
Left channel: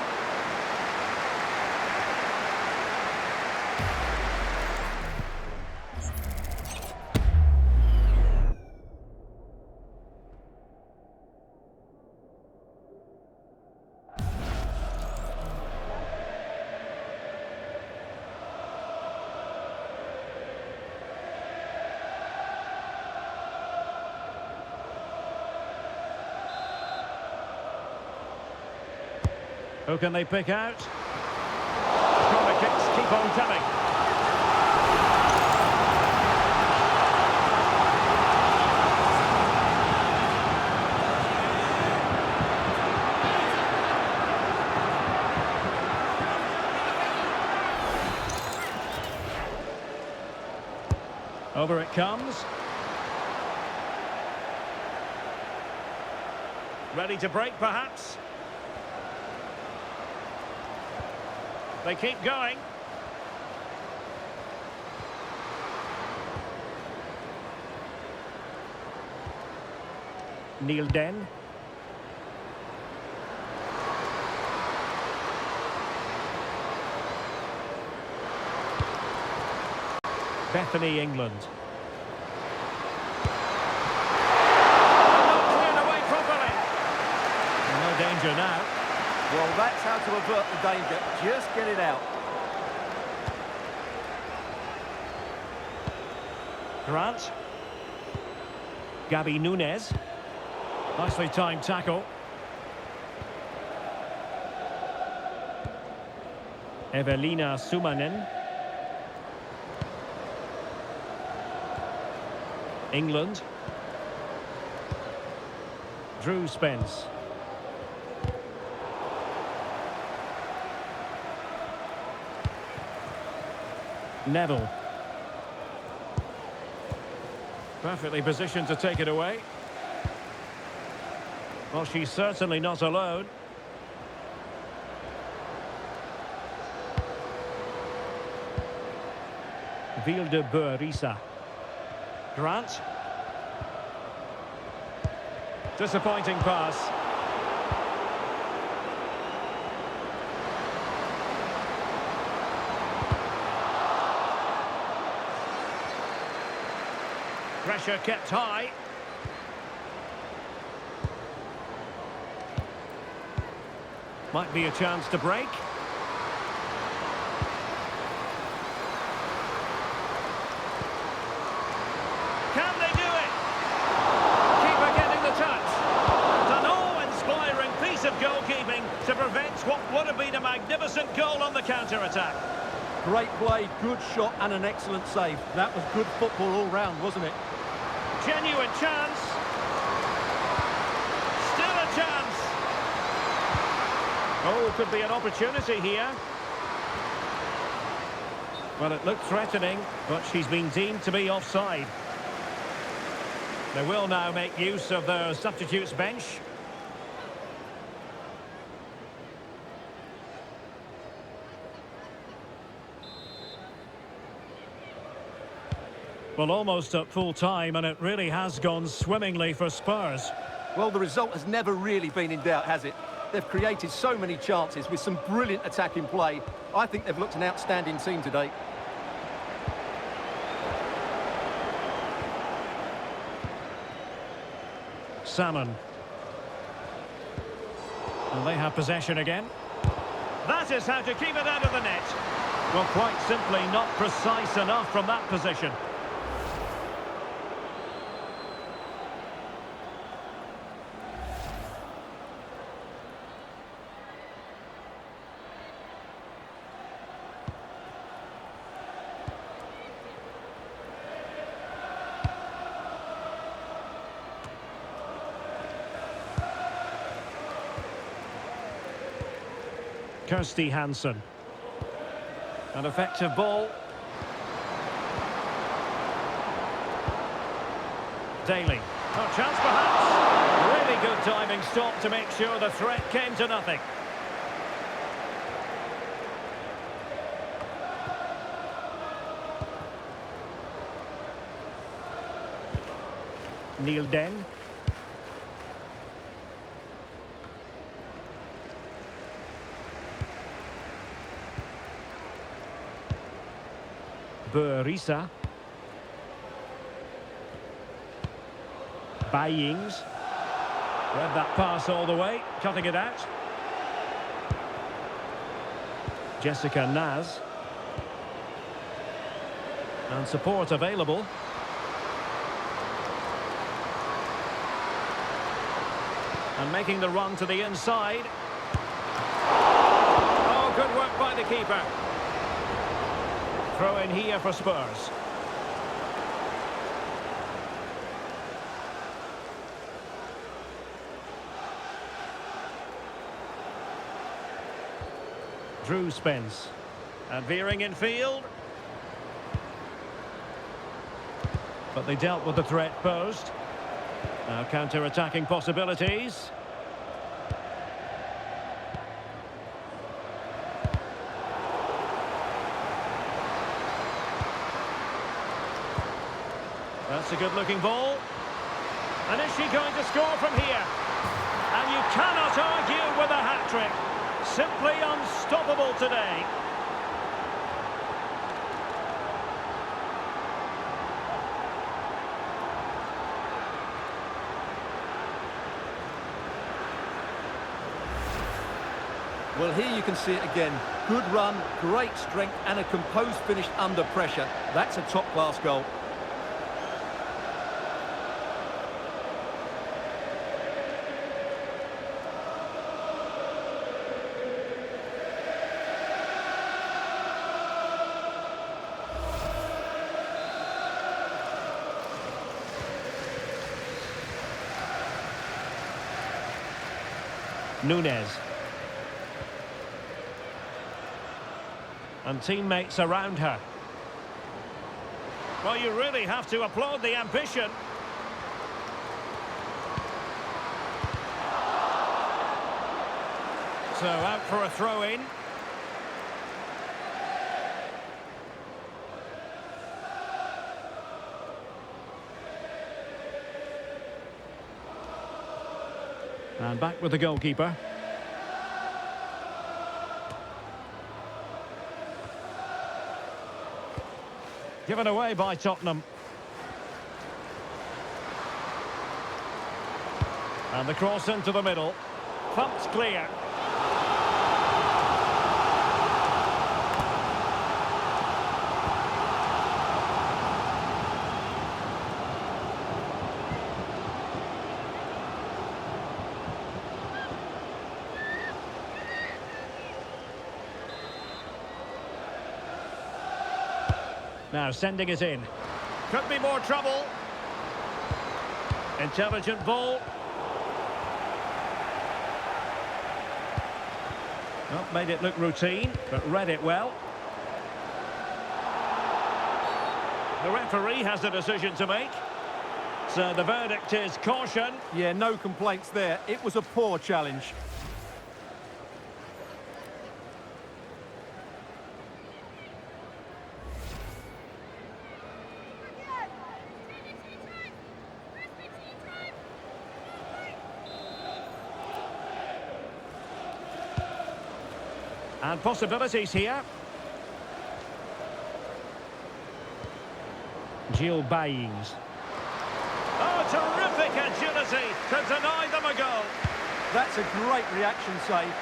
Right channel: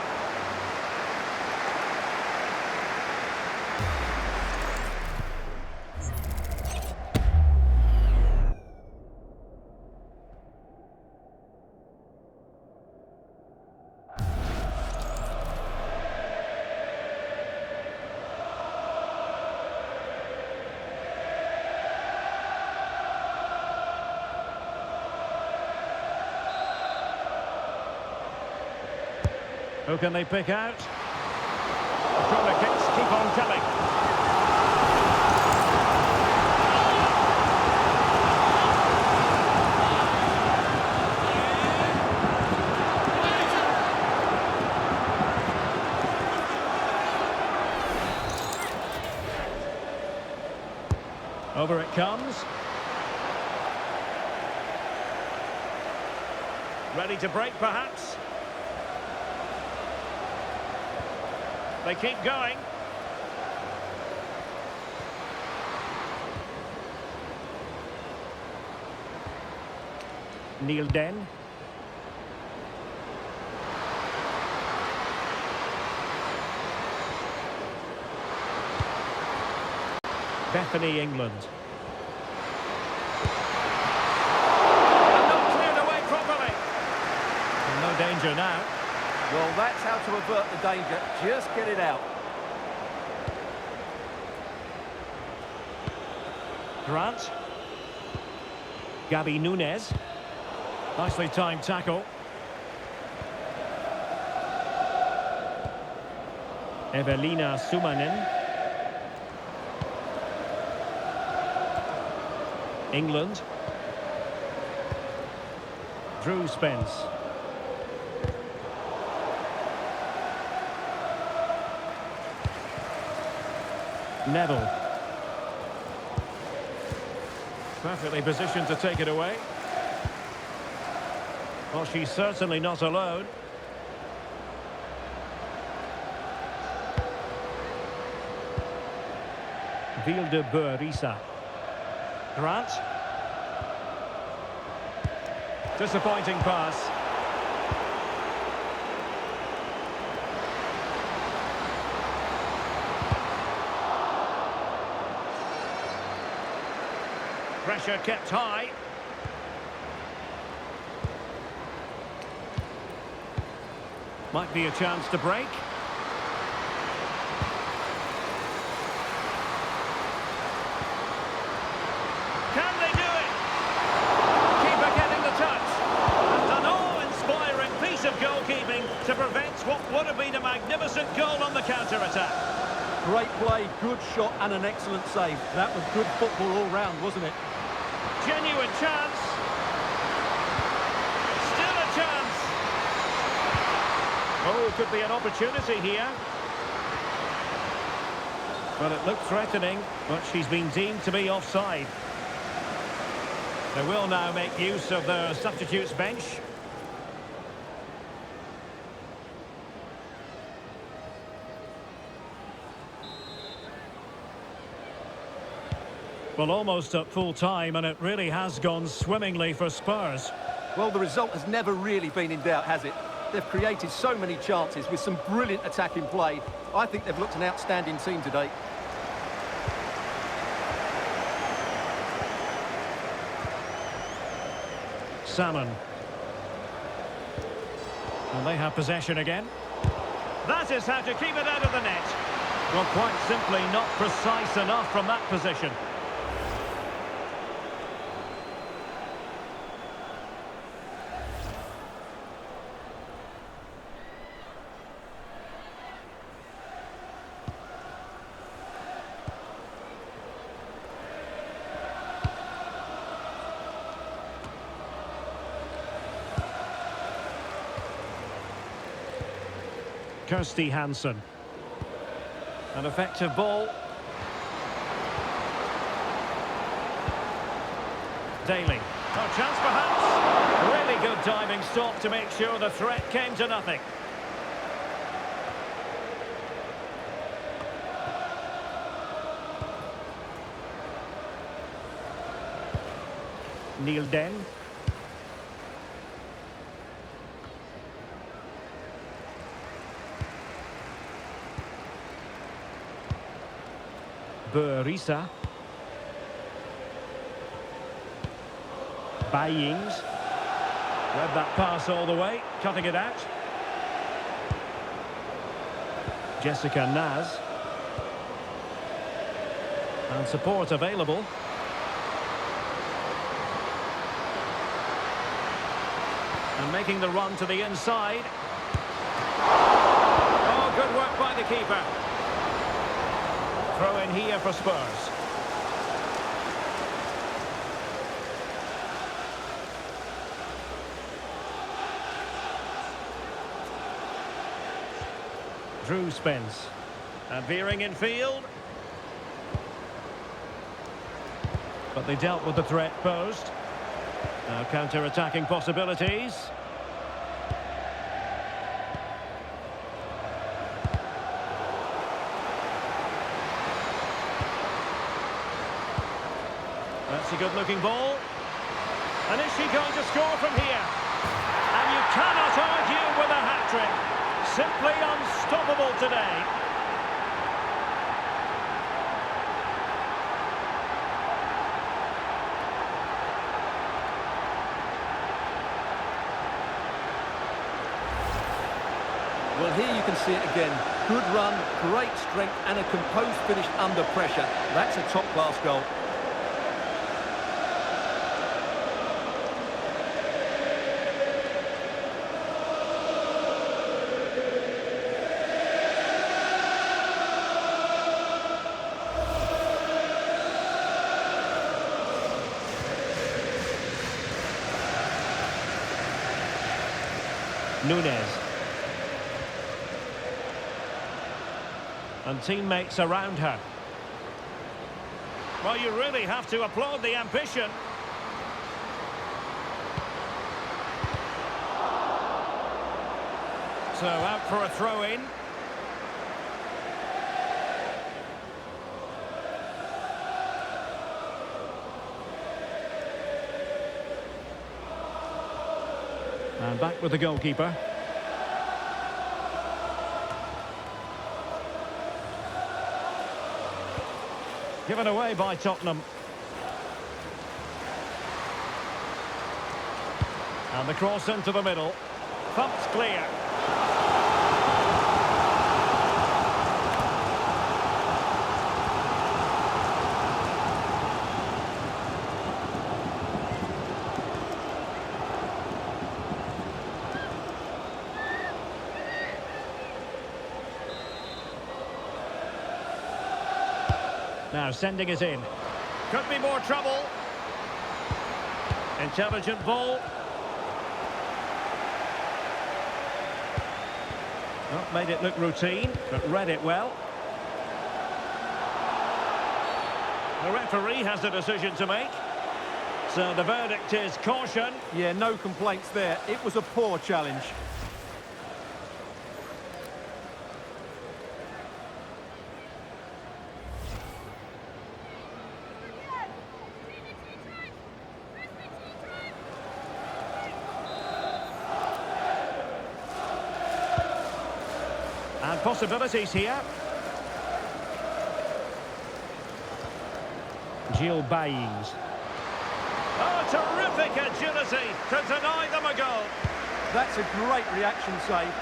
Who can they pick out? The corner kicks keep on coming. Over it comes. Ready to break, perhaps? They keep going. Neil Den. Bethany, England. And not cleared away properly. And no danger now. Well, that's how to avert the danger. Just get it out. Grant. Gabby Nunes. Nicely timed tackle. Evelina Sumanen. England. Drew Spence. Neville. Perfectly positioned to take it away. Well, she's certainly not alone. Vilde-Beurissa. Grant. Disappointing pass. Pressure kept high. Might be a chance to break. Can they do it? Keeper getting the touch. And an awe-inspiring piece of goalkeeping to prevent what would have been a magnificent goal on the counter-attack. Great play, good shot and an excellent save. That was good football all round, wasn't it? Genuine chance. Still a chance. Oh, could be an opportunity here. Well, it looked threatening, but she's been deemed to be offside. They will now make use of their substitutes bench. Well, almost at full time, and it really has gone swimmingly for Spurs. Well, the result has never really been in doubt, has it? They've created so many chances with some brilliant attacking play. I think they've looked an outstanding team today. Salmon. And they have possession again. That is how to keep it out of the net. Well, quite simply not precise enough from that position. Kirsty Hansen. An effective ball. Daly. Oh, chance perhaps. Really good diving stop to make sure the threat came to nothing. Neil Den. Beurissa. Bayings. Read that pass all the way, cutting it out. Jessica Naz. And support available. And making the run to the inside. Oh, good work by the keeper. Throw in here for Spurs. Drew Spence. And veering in field. But they dealt with the threat posed. Now counter-attacking possibilities. That's a good-looking ball. And is she going to score from here? And you cannot argue with a hat-trick. Simply unstoppable today. Well, here you can see it again. Good run, great strength, and a composed finish under pressure. That's a top-class goal. Nunez. And teammates around her. Well, you really have to applaud the ambition. So out for a throw-in. And back with the goalkeeper. Given away by Tottenham. And the cross into the middle. Thumped clear. Now sending it in. Could be more trouble. Intelligent ball. Not made it look routine, but read it well. The referee has a decision to make. So the verdict is caution. Yeah, no complaints there. It was a poor challenge. And possibilities here. Gil Baines. Oh, terrific agility to deny them a goal. That's a great reaction save.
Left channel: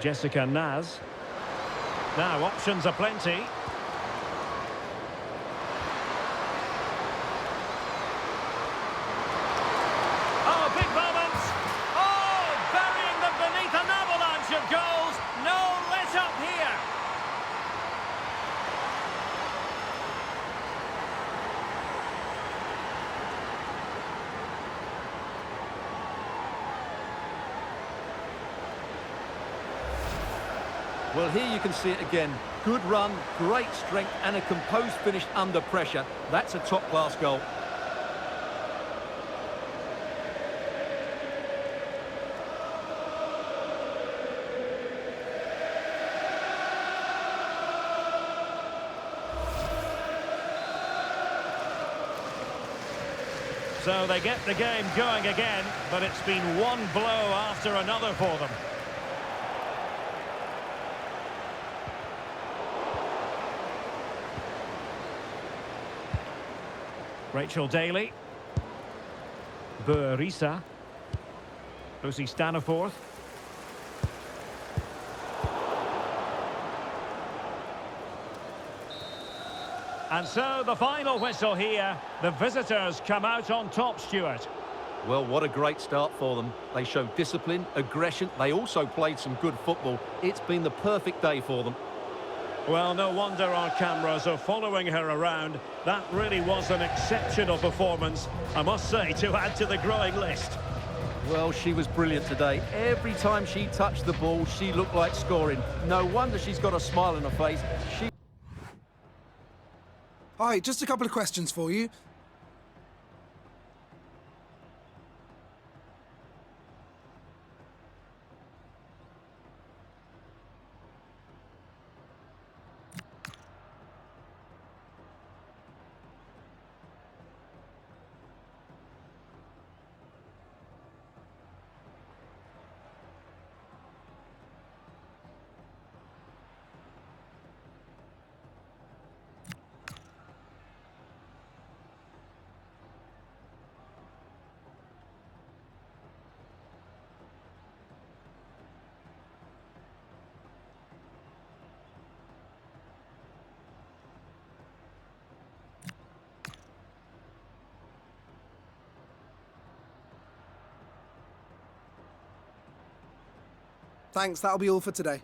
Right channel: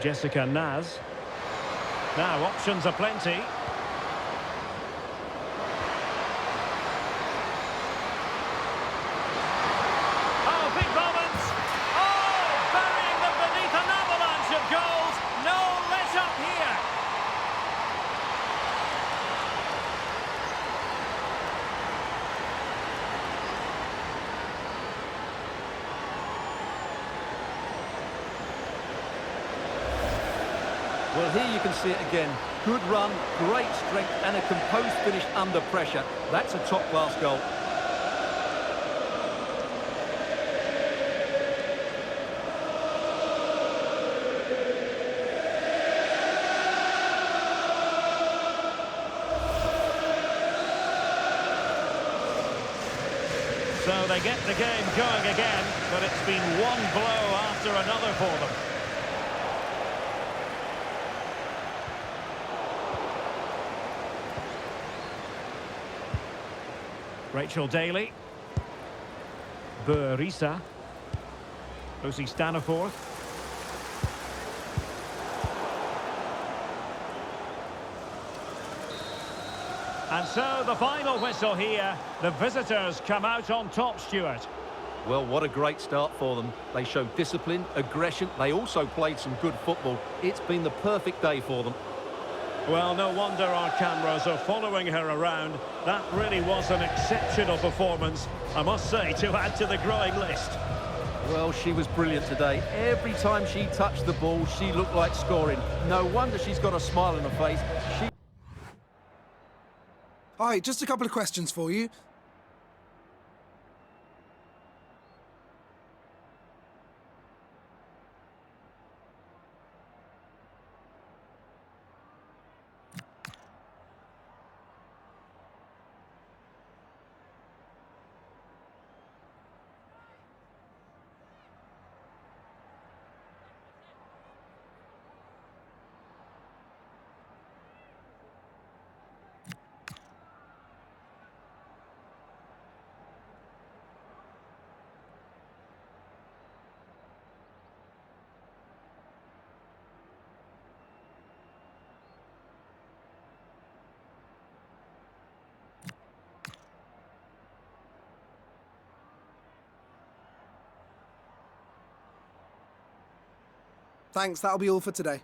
Jessica Naz. Now options are plenty. Oh, big moments. Oh, burying them beneath an avalanche of goals. No let up here. Well, here you can see it again. Good run, great strength, and a composed finish under pressure. That's a top-class goal. So they get the game going again, but it's been one blow after another for them. Rachel Daly. Burisa. Lucy Staniforth. And so the final whistle here. The visitors come out on top, Stuart. Well, what a great start for them. They showed discipline, aggression. They also played some good football. It's been the perfect day for them. Well, no wonder our cameras are following her around. That really was an exceptional performance, I must say, to add to the growing list. Well, she was brilliant today. Every time she touched the ball, she looked like scoring. No wonder she's got a smile on her face. Hi, just a couple of questions for you. Thanks, that'll be all for today.